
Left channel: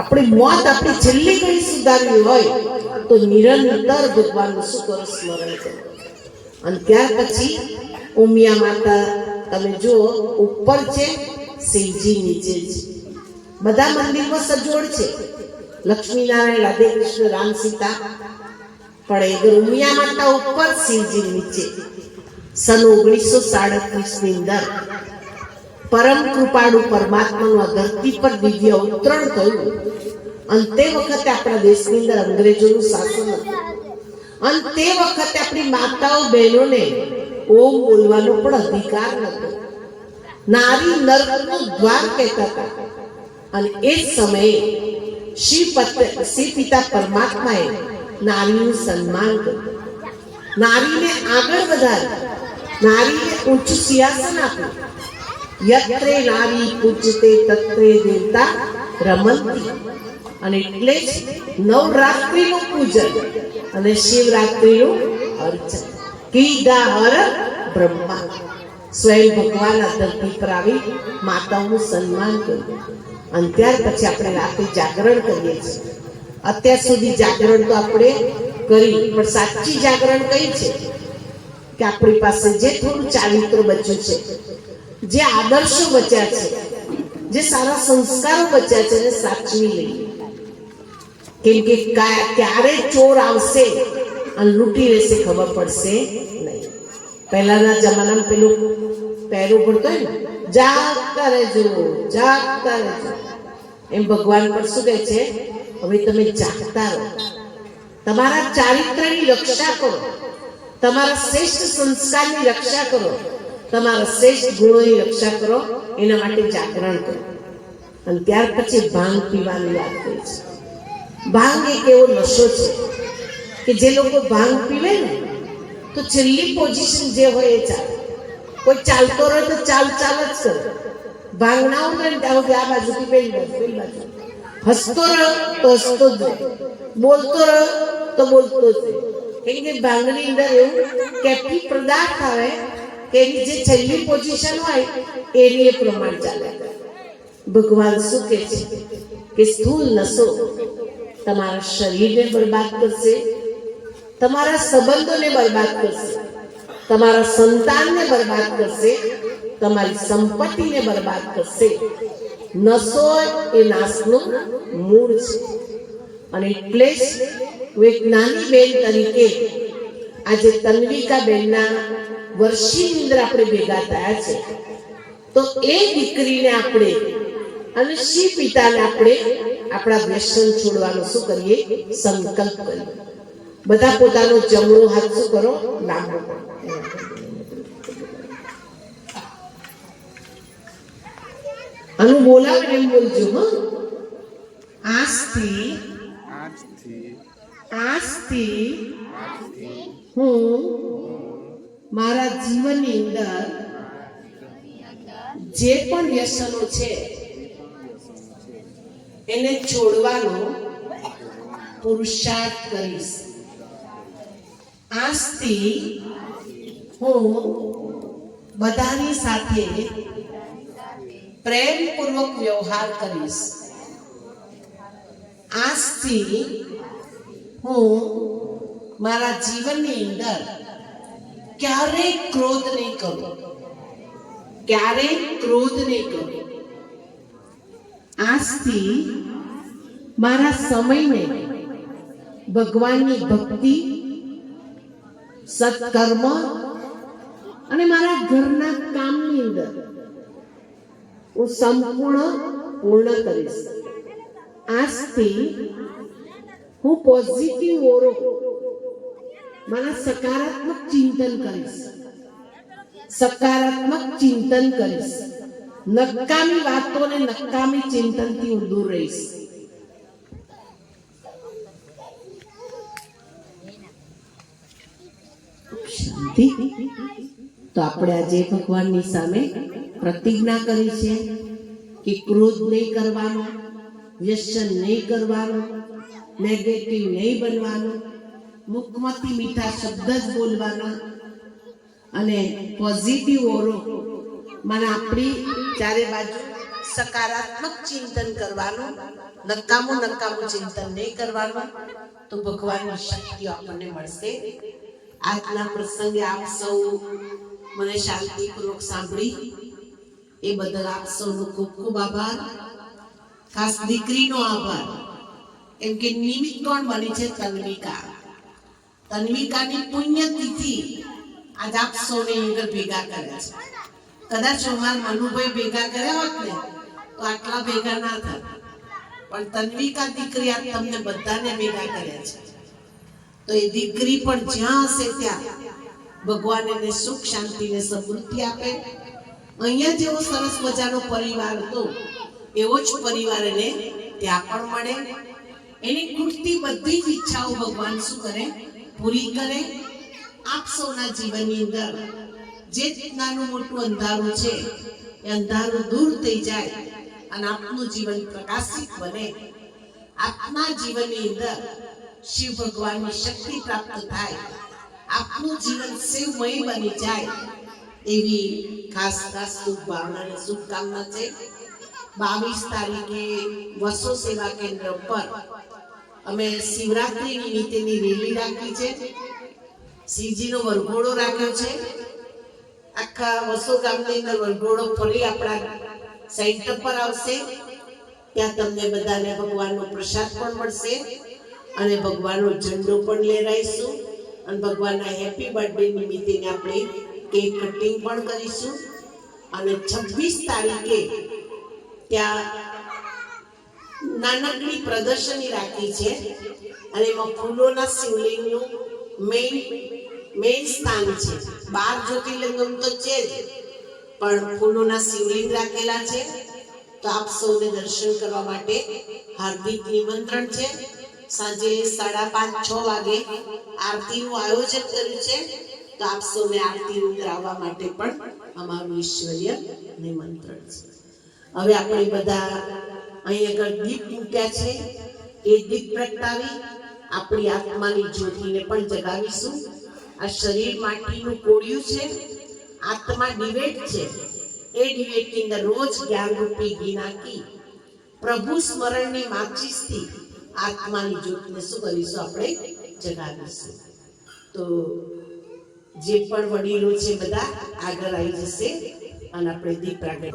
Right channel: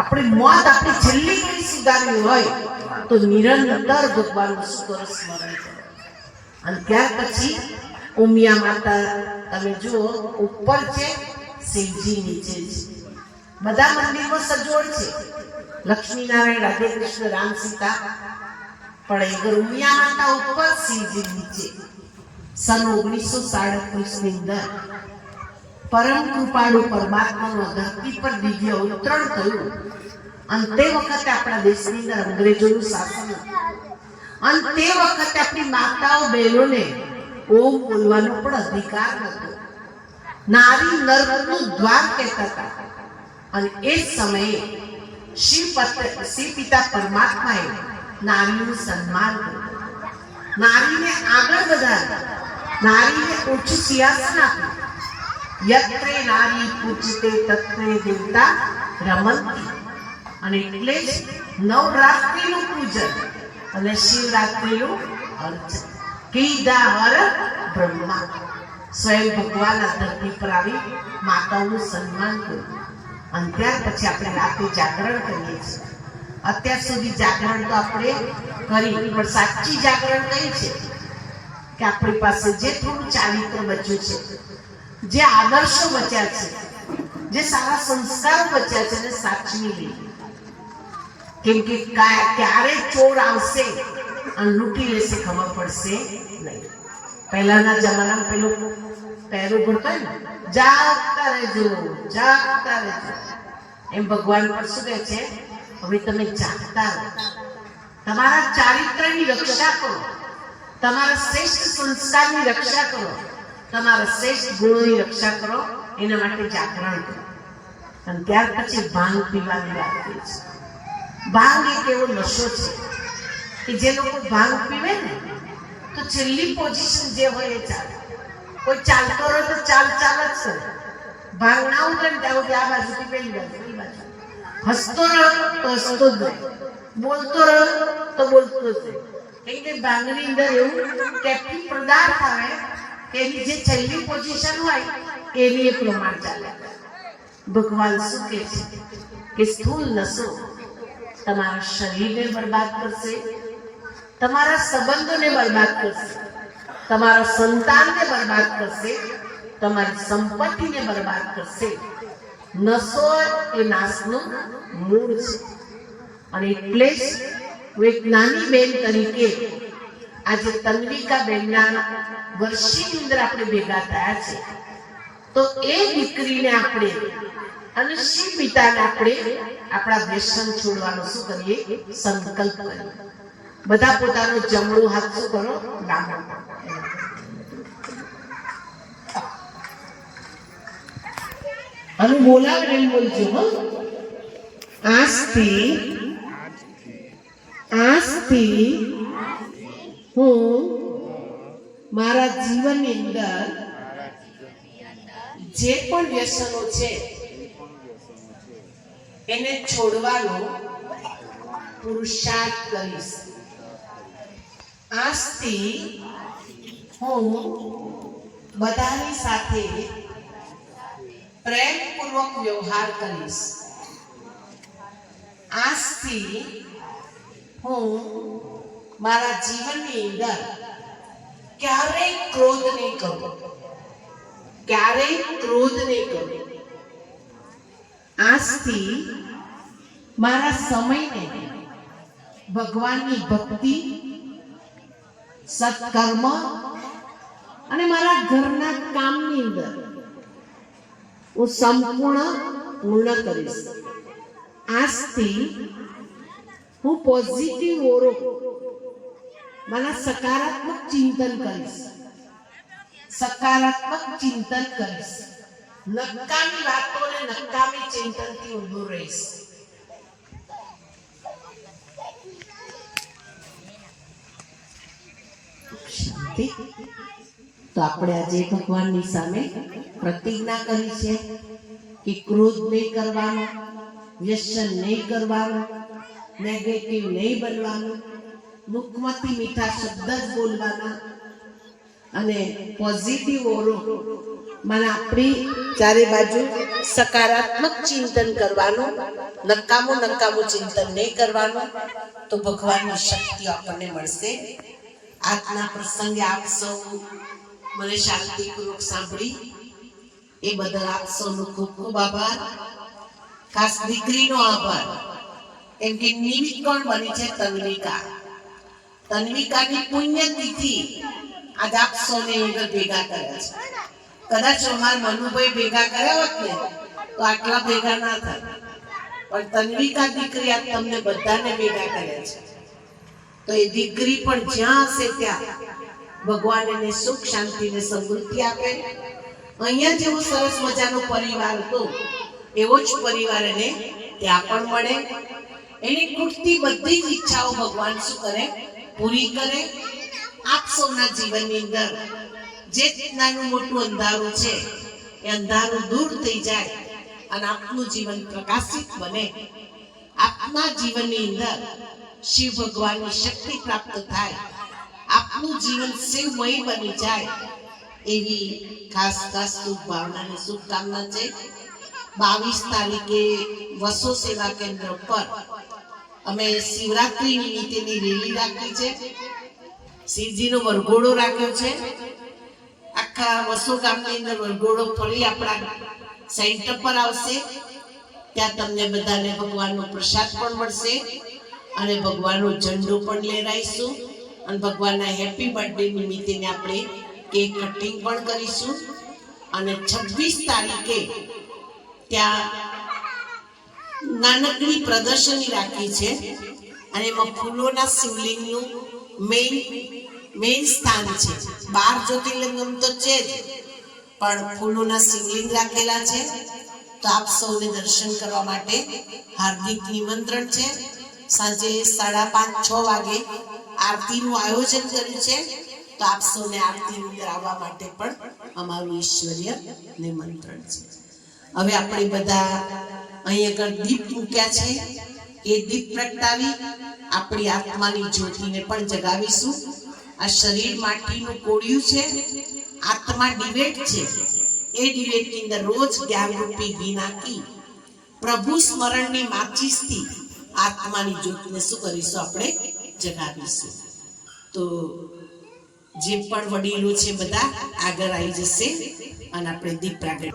આપણી મોત આપણી છેલ્લી ઘડી સુધારવી હોય તો નિરંતર ભગવાનનું શું કરો? સ્મરણ કરો. અને ત્યાર પછી ઉમિયા માતા તમે જુઓ, ઉપર છે, શિવજી નીચે છે. બધા મંદિરમાં સજોડ છે, લક્ષ્મીનારાયણ, રાધે કૃષ્ણ, રામ સીતા, પણ એ ઉમિયા માતા ઉપર, શિવજી નીચે. સન 1937 ની અંદર પરમ કૃપાળુ પરમાત્માનું આ ધરતી પર દિવ્ય અવતરણ થયું. અને તે વખતે આપણા દેશની અંદર અંગ્રેજોનું શાસન હતું. અને તે વખતે આપણી માતાઓ બહેનોને ઓમ બોલવાનો પણ અધિકાર નહોતો. નારી નરકનું દ્વાર કહેતા હતા. અને એ સમયે શિવ પિતા પરમાત્માએ નારીનું સન્માન કર્યું, નારીને આગળ વધારી, નારીને ઊંચું સિંહાસન આપ્યું. યત્રે નારી પૂજ્યતે તત્રે દેવતા રમંતી. અને એટલે જ નવરાત્રિનું પૂજન અને શિવરાત્રિનું અર્ચન. કીધા હર બ્રહ્મા. સ્વયં ભગવાન આ ધરતી પર આવી માતાઓનું સન્માન કર્યું. અને ત્યાર પછી આપણે રાત્રે જાગરણ કરીએ છીએ. અત્યાર સુધી જાગરણ તો આપણે કરી, પણ સાચી જાગરણ કઈ છે? કે આપણી પાસે જે થોડું ચારિત્ર બચ્યું છે, જે આદર્શો બચ્યા છે, જે સારા સંસ્કારો બચ્યા છે, એને સાચવી લઈએ. કેમ કે ક્યારે ચોર આવશે અને લૂંટી લેશે ખબર પડશે નહીં. પહેલાના જમાનામાં પેલું પહેરો પડતો ને, જાગતા રહેજો, જાગતા રહેજો. એમ ભગવાન પર શું કહે છે? હવે તમે જાગતા રહો, તમારા ચારિત્રની રક્ષા કરો, તમારા શ્રેષ્ઠ સંસ્કારની રક્ષા કરો, તમારા શ્રેષ્ઠ ગુણોની રક્ષા કરો. એના માટે જાગરણ કરો. અને ત્યાર પછી ભાંગ પીવાની વાત કરી છે. ભાંગ એક એવો નશો છે કે જે લોકો ભાંગ પીવે ને તો છેલ્લી પોઝિશન જે હોય એ ચાલે. કોઈ ચાલતો રહે તો ચાલ ચાલ જ કરે. ભાંગ ના ઉતરે ને ત્યાં સુધી આ બાજુથી પેલી બાજુ. હસતો રહ્યો તો હસતો જ રહે, બોલતો રહ્યો તો બોલતો જ રહે. કેમ કે ભાંગની અંદર એવું કેટલી પદાર્થ આવે કે એની જે છેલ્લી પોઝિશન હોય એનું એ પ્રમાણ ચાલે. ભગવાન શું કહે છે કે સ્થૂલ નશો તમારા શરીરને બરબાદ કરશે, તમારા સંબંધોને બરબાદ કરશે, તમારા સંતાનને બરબાદ કરશે, તમારી સંપત્તિને બરબાદ કરશે. નશો એ નાશનું મૂળ છે. અને એટલે જ હું એક નાની બેન તરીકે આજે તન્વિકા બેનના વર્ષીની અંદર આપણે ભેગા થયા છે. તો એ દીકરીને આપણે અને શિવ પિતાને આપણે આપણા વ્યસન છોડવાનો શું કરીએ? સંકલ્પ કરીએ. બધા પોતાનો જમણો હાથ શું કરો? લાંબો કરો. અને બોલાવે એમ બોલજો. હો, આજથી હું મારા જીવનની અંદર જે પણ વ્યસનો છે એને છોડવાનો પુરુષાર્થ કરીશ. આજથી હું બધાની સાથે પ્રેમપૂર્વક વ્યવહાર કરીશ. આજથી હું મારા જીવનની અંદર ક્યારેય ક્રોધ નહીં કરું. આજથી મારા સમયને ભગવાનની ભક્તિ, સત્કર્મ અને મારા ઘરના કામની અંદર હું પૂર્ણ કરીશ. આજથી હું પોઝિટિવ ઓરો મારા સકારાત્મક ચિંતન કરીશ. નકામી વાતો અને નકામી ચિંતનથી હું દૂર રહીશ. તો આપણે આજે ભગવાનની સામે પ્રતિજ્ઞા કરી છે કે ક્રોધ નહીં કરવાનો, વ્યસન નહીં કરવાનું, નેગેટિવ નહીં બનવાનું, મુખમાંથી મીઠા શબ્દ જ બોલવાના અને પોઝિટિવ ઓરો મને આપણી ચારે બાજુ સકારાત્મક ચિંતન કરવાનું, નકામું ચિંતન નહીં કરવાનું. તો ભગવાનની શક્તિઓ આપણને મળશે. આજના પ્રસંગે આપ સૌ મને શાંતિપૂર્વક સાંભળી એ બદલ આપ સૌનો ખૂબ ખૂબ આભાર. ખાસ દીકરીનો આભાર, કેમ કે નિમિત્ત કોણ બની છે? તન્વિકાની પુણ્યતિથિ આજ આપ સૌને ભેગા કર્યા છે. કદાચ અમારા મનુભાઈ ભેગા કર્યા હોત ને તો આટલા ભેગા ના થાય, પણ તન્વિકા દીકરી આજ તમને બધાને ભેગા કર્યા છે. તો એ દીકરી પણ જ્યાં હશે ત્યાં ભગવાન એને સુખ, શાંતિ ને સમૃદ્ધિ આપે. અહીંયા જેવો સરસ મજાનો પરિવાર હતો એવો જ પરિવાર એને ત્યાં પણ મળે. એની ખૂટતી બધી જ ઈચ્છાઓ ભગવાન શું કરે? પૂરી કરે. આપ સૌના જીવનની અંદર જે નાનું મોટું અંધારું છે એ અંધારું દૂર થઈ જાય અને આપનું જીવન પ્રકાશિત બને. આપના જીવનની અંદર શિવ ભગવાનની શક્તિ પ્રાપ્ત થાય, આપનું જીવન શિવમય બની જાય એવી ખાસ શુભ ભાવના અને શુભકામના છે. 22 તારીખે વસો સેવા કેન્દ્ર પર અમે શિવરાત્રી નિમિત્તેની રેલી રાખી છે. શ્રીજીનો વરઘોડો રાખ્યો છે. આખા વસો ગામની અંદર વરઘોડો ફરી આપણા સેન્ટર પર આવશે. ત્યાં તમને બધાને ભગવાનનો પ્રસાદ પણ મળશે અને ભગવાનનો ઝંડો પણ લહેરાઈશું અને ભગવાનના હેપી બર્થડે નિમિત્તે આપણે કેક કટિંગ પણ કરીશું. અને 26 તારીખે ત્યાં નાનકડી પ્રદર્શની રાખી છે અને એમાં ફૂલોના શિવલિંગનું મેઇન સ્થાન છે. 12 જ્યોતિર્લિંગમ તો છે જ, પણ ફૂલોના શિવલિંગ રાખેલા છે. તો આપ સૌને દર્શન કરવા માટે હાર્દિક નિમંત્રણ છે. સાંજે 5:30-6 વાગે આરતીનું આયોજન કર્યું છે. તો આપ સૌને આરતીની અંદર આવવા માટે પણ અમારું ઈશ્વરીય નિમંત્રણ છે. હવે આપણે બધા અહીં આગળ દીપ મૂક્યા છે, એ દીપ પ્રગટાવી આપણી આત્માની જ્યોતિને પણ જગાવીશું. આ શરીર માટીનું કોળિયું છે, આત્મા ડિવેટ છે. એ ડિવેટની અંદર રોજ જ્ઞાનરૂપી ઘી નાખી પ્રભુ સ્મરણની માચીસથી આત્માની જ્યોતિને શું કરીશું? આપણે જગાવીશું. તો જે પણ વડીલો છે બધા આગળ આવી જશે અને આપણે દીપ પ્રાગટ્ય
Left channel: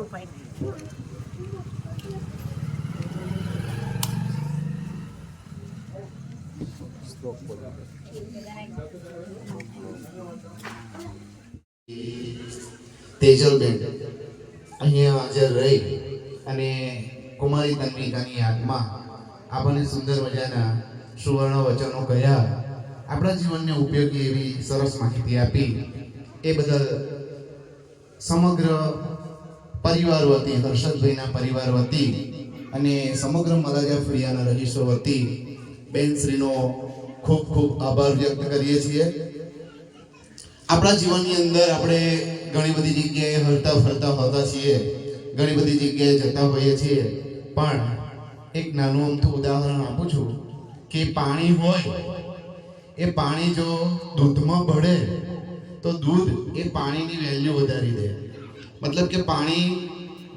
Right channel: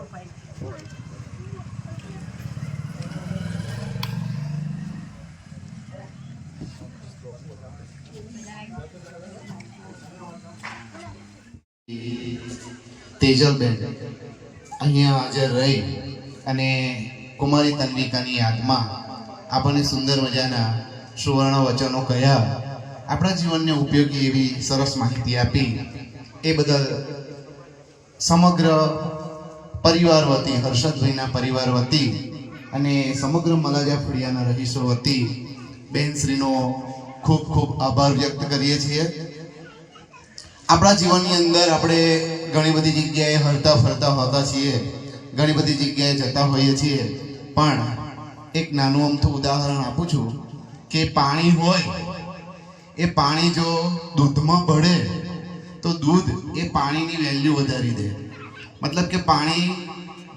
તેજલબેન અહીંયા હાજર રહી અને કુમારી તન્વિકાની યાદમાં આપણને સુંદર મજાના સુવર્ણ વચનો કહ્યા, આપણા જીવનને ઉપયોગી એવી સરસ માહિતી આપી, એ બદલ સમગ્ર પરિવાર વતી, હર્ષદભાઈના પરિવાર વતી અને સમગ્ર મલાજા ફળિયાના રહીશો વતી બેનશ્રીનો ખૂબ ખૂબ આભાર વ્યક્ત કરીએ છીએ. આપણા જીવનની અંદર આપણે ઘણી બધી જગ્યાએ હરતા ફરતા હોતા છીએ, ઘણી બધી જગ્યાએ જતા હોઈએ છીએ, પણ એક નાનું અમથું ઉદાહરણ આપું છું કે પાણી હોય, એ પાણી જો દૂધમાં ભળે તો દૂધ એ પાણીની વેલ્યુ વધારી દે. મતલબ કે પાણી,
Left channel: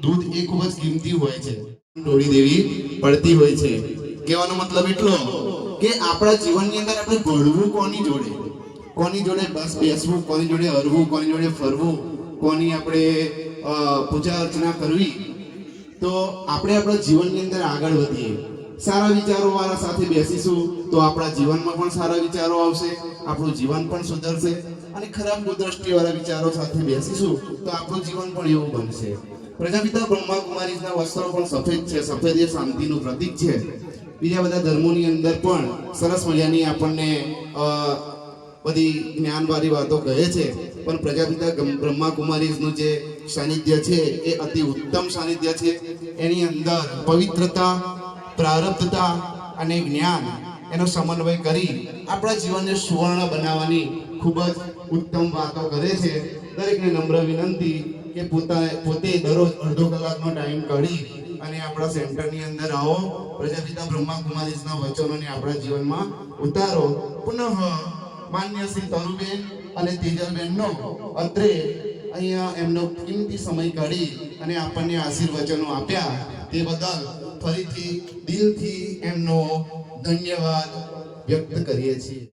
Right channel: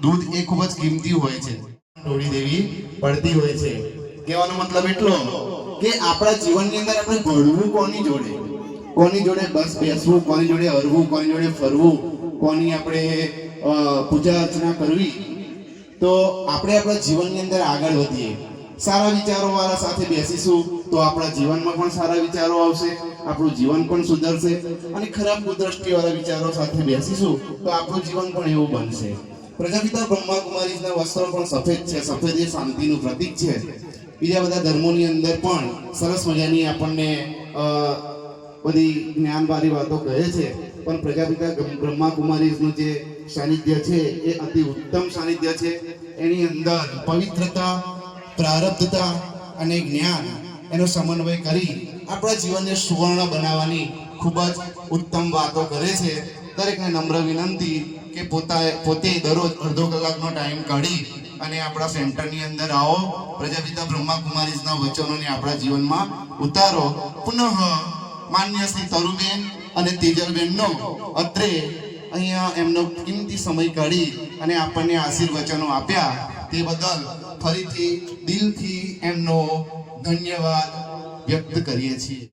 દૂધ એ ખૂબ જ કિંમતી હોય છે, ઢોળી દેવી પડતી હોય છે. કહેવાનો મતલબ એટલો કે આપણા જીવનની અંદર આપણે ઘડવું કોની જોડે, કોની જોડે બસ બેસવું, કોની જોડે હરવું, કોની જોડે ફરવું, કોની આપણે પૂજા અર્ચના કરવી, તો આપણે આપણા જીવનની અંદર આગળ વધીએ. સારા વિચારો વાળા સાથે બેસીશું તો આપણા જીવનમાં પણ સારા વિચારો આવશે, આપણું જીવન પણ સુધરશે. અને ખરાબ કુદ્રષ્ટિ વાળા વિચારો સાથે બેસીશું તો આપણું જીવન પણ એવું બનશે. પ્રજાપિતા બ્રહ્મા કુમારીના વસ્ત્રો પણ સફેદ છે. સફેદ એ શાંતિનું પ્રતીક છે. બીજા બધા ધર્મોની અંદર પણ સરસ મજાની આપણને બધી જ્ઞાનવાળી વાતો કહે છે, પણ પ્રજાપિતા બ્રહ્મા કુમારીનું જે સાનિધ્ય છે એ અતિ ઉત્તમ સાનિધ્ય છે. એની અંદર પવિત્રતા, પ્રારબ્ધતા અને જ્ઞાન એનો સમન્વય કરી આપણા જીવનને સુવર્ણ બનાવવાની ખૂબ જ ઉત્તમ વાતો કરે છે. દરેકને નમ્ર વિનંતી કે પોતે દરરોજ અડધો કલાકનો ટાઈમ કાઢી અને આપણા સેન્ટરની અંદર આવો, પ્રજાપિતા બ્રહ્મા કુમારીના વચનોને આપણા જીવનમાં ઉતારો. પુનઃ માન્ય શ્રી તરુબેન અને તેજલબેનનો અત્રે અહીંયા એમનો કિંમતી સમય કાઢી અને આપણને આશીર્વચનો આપ્યા, તે બદલ ફરીથી દિલથી એમનો ધન્યવાદ વ્યક્ત કરીએ છીએ.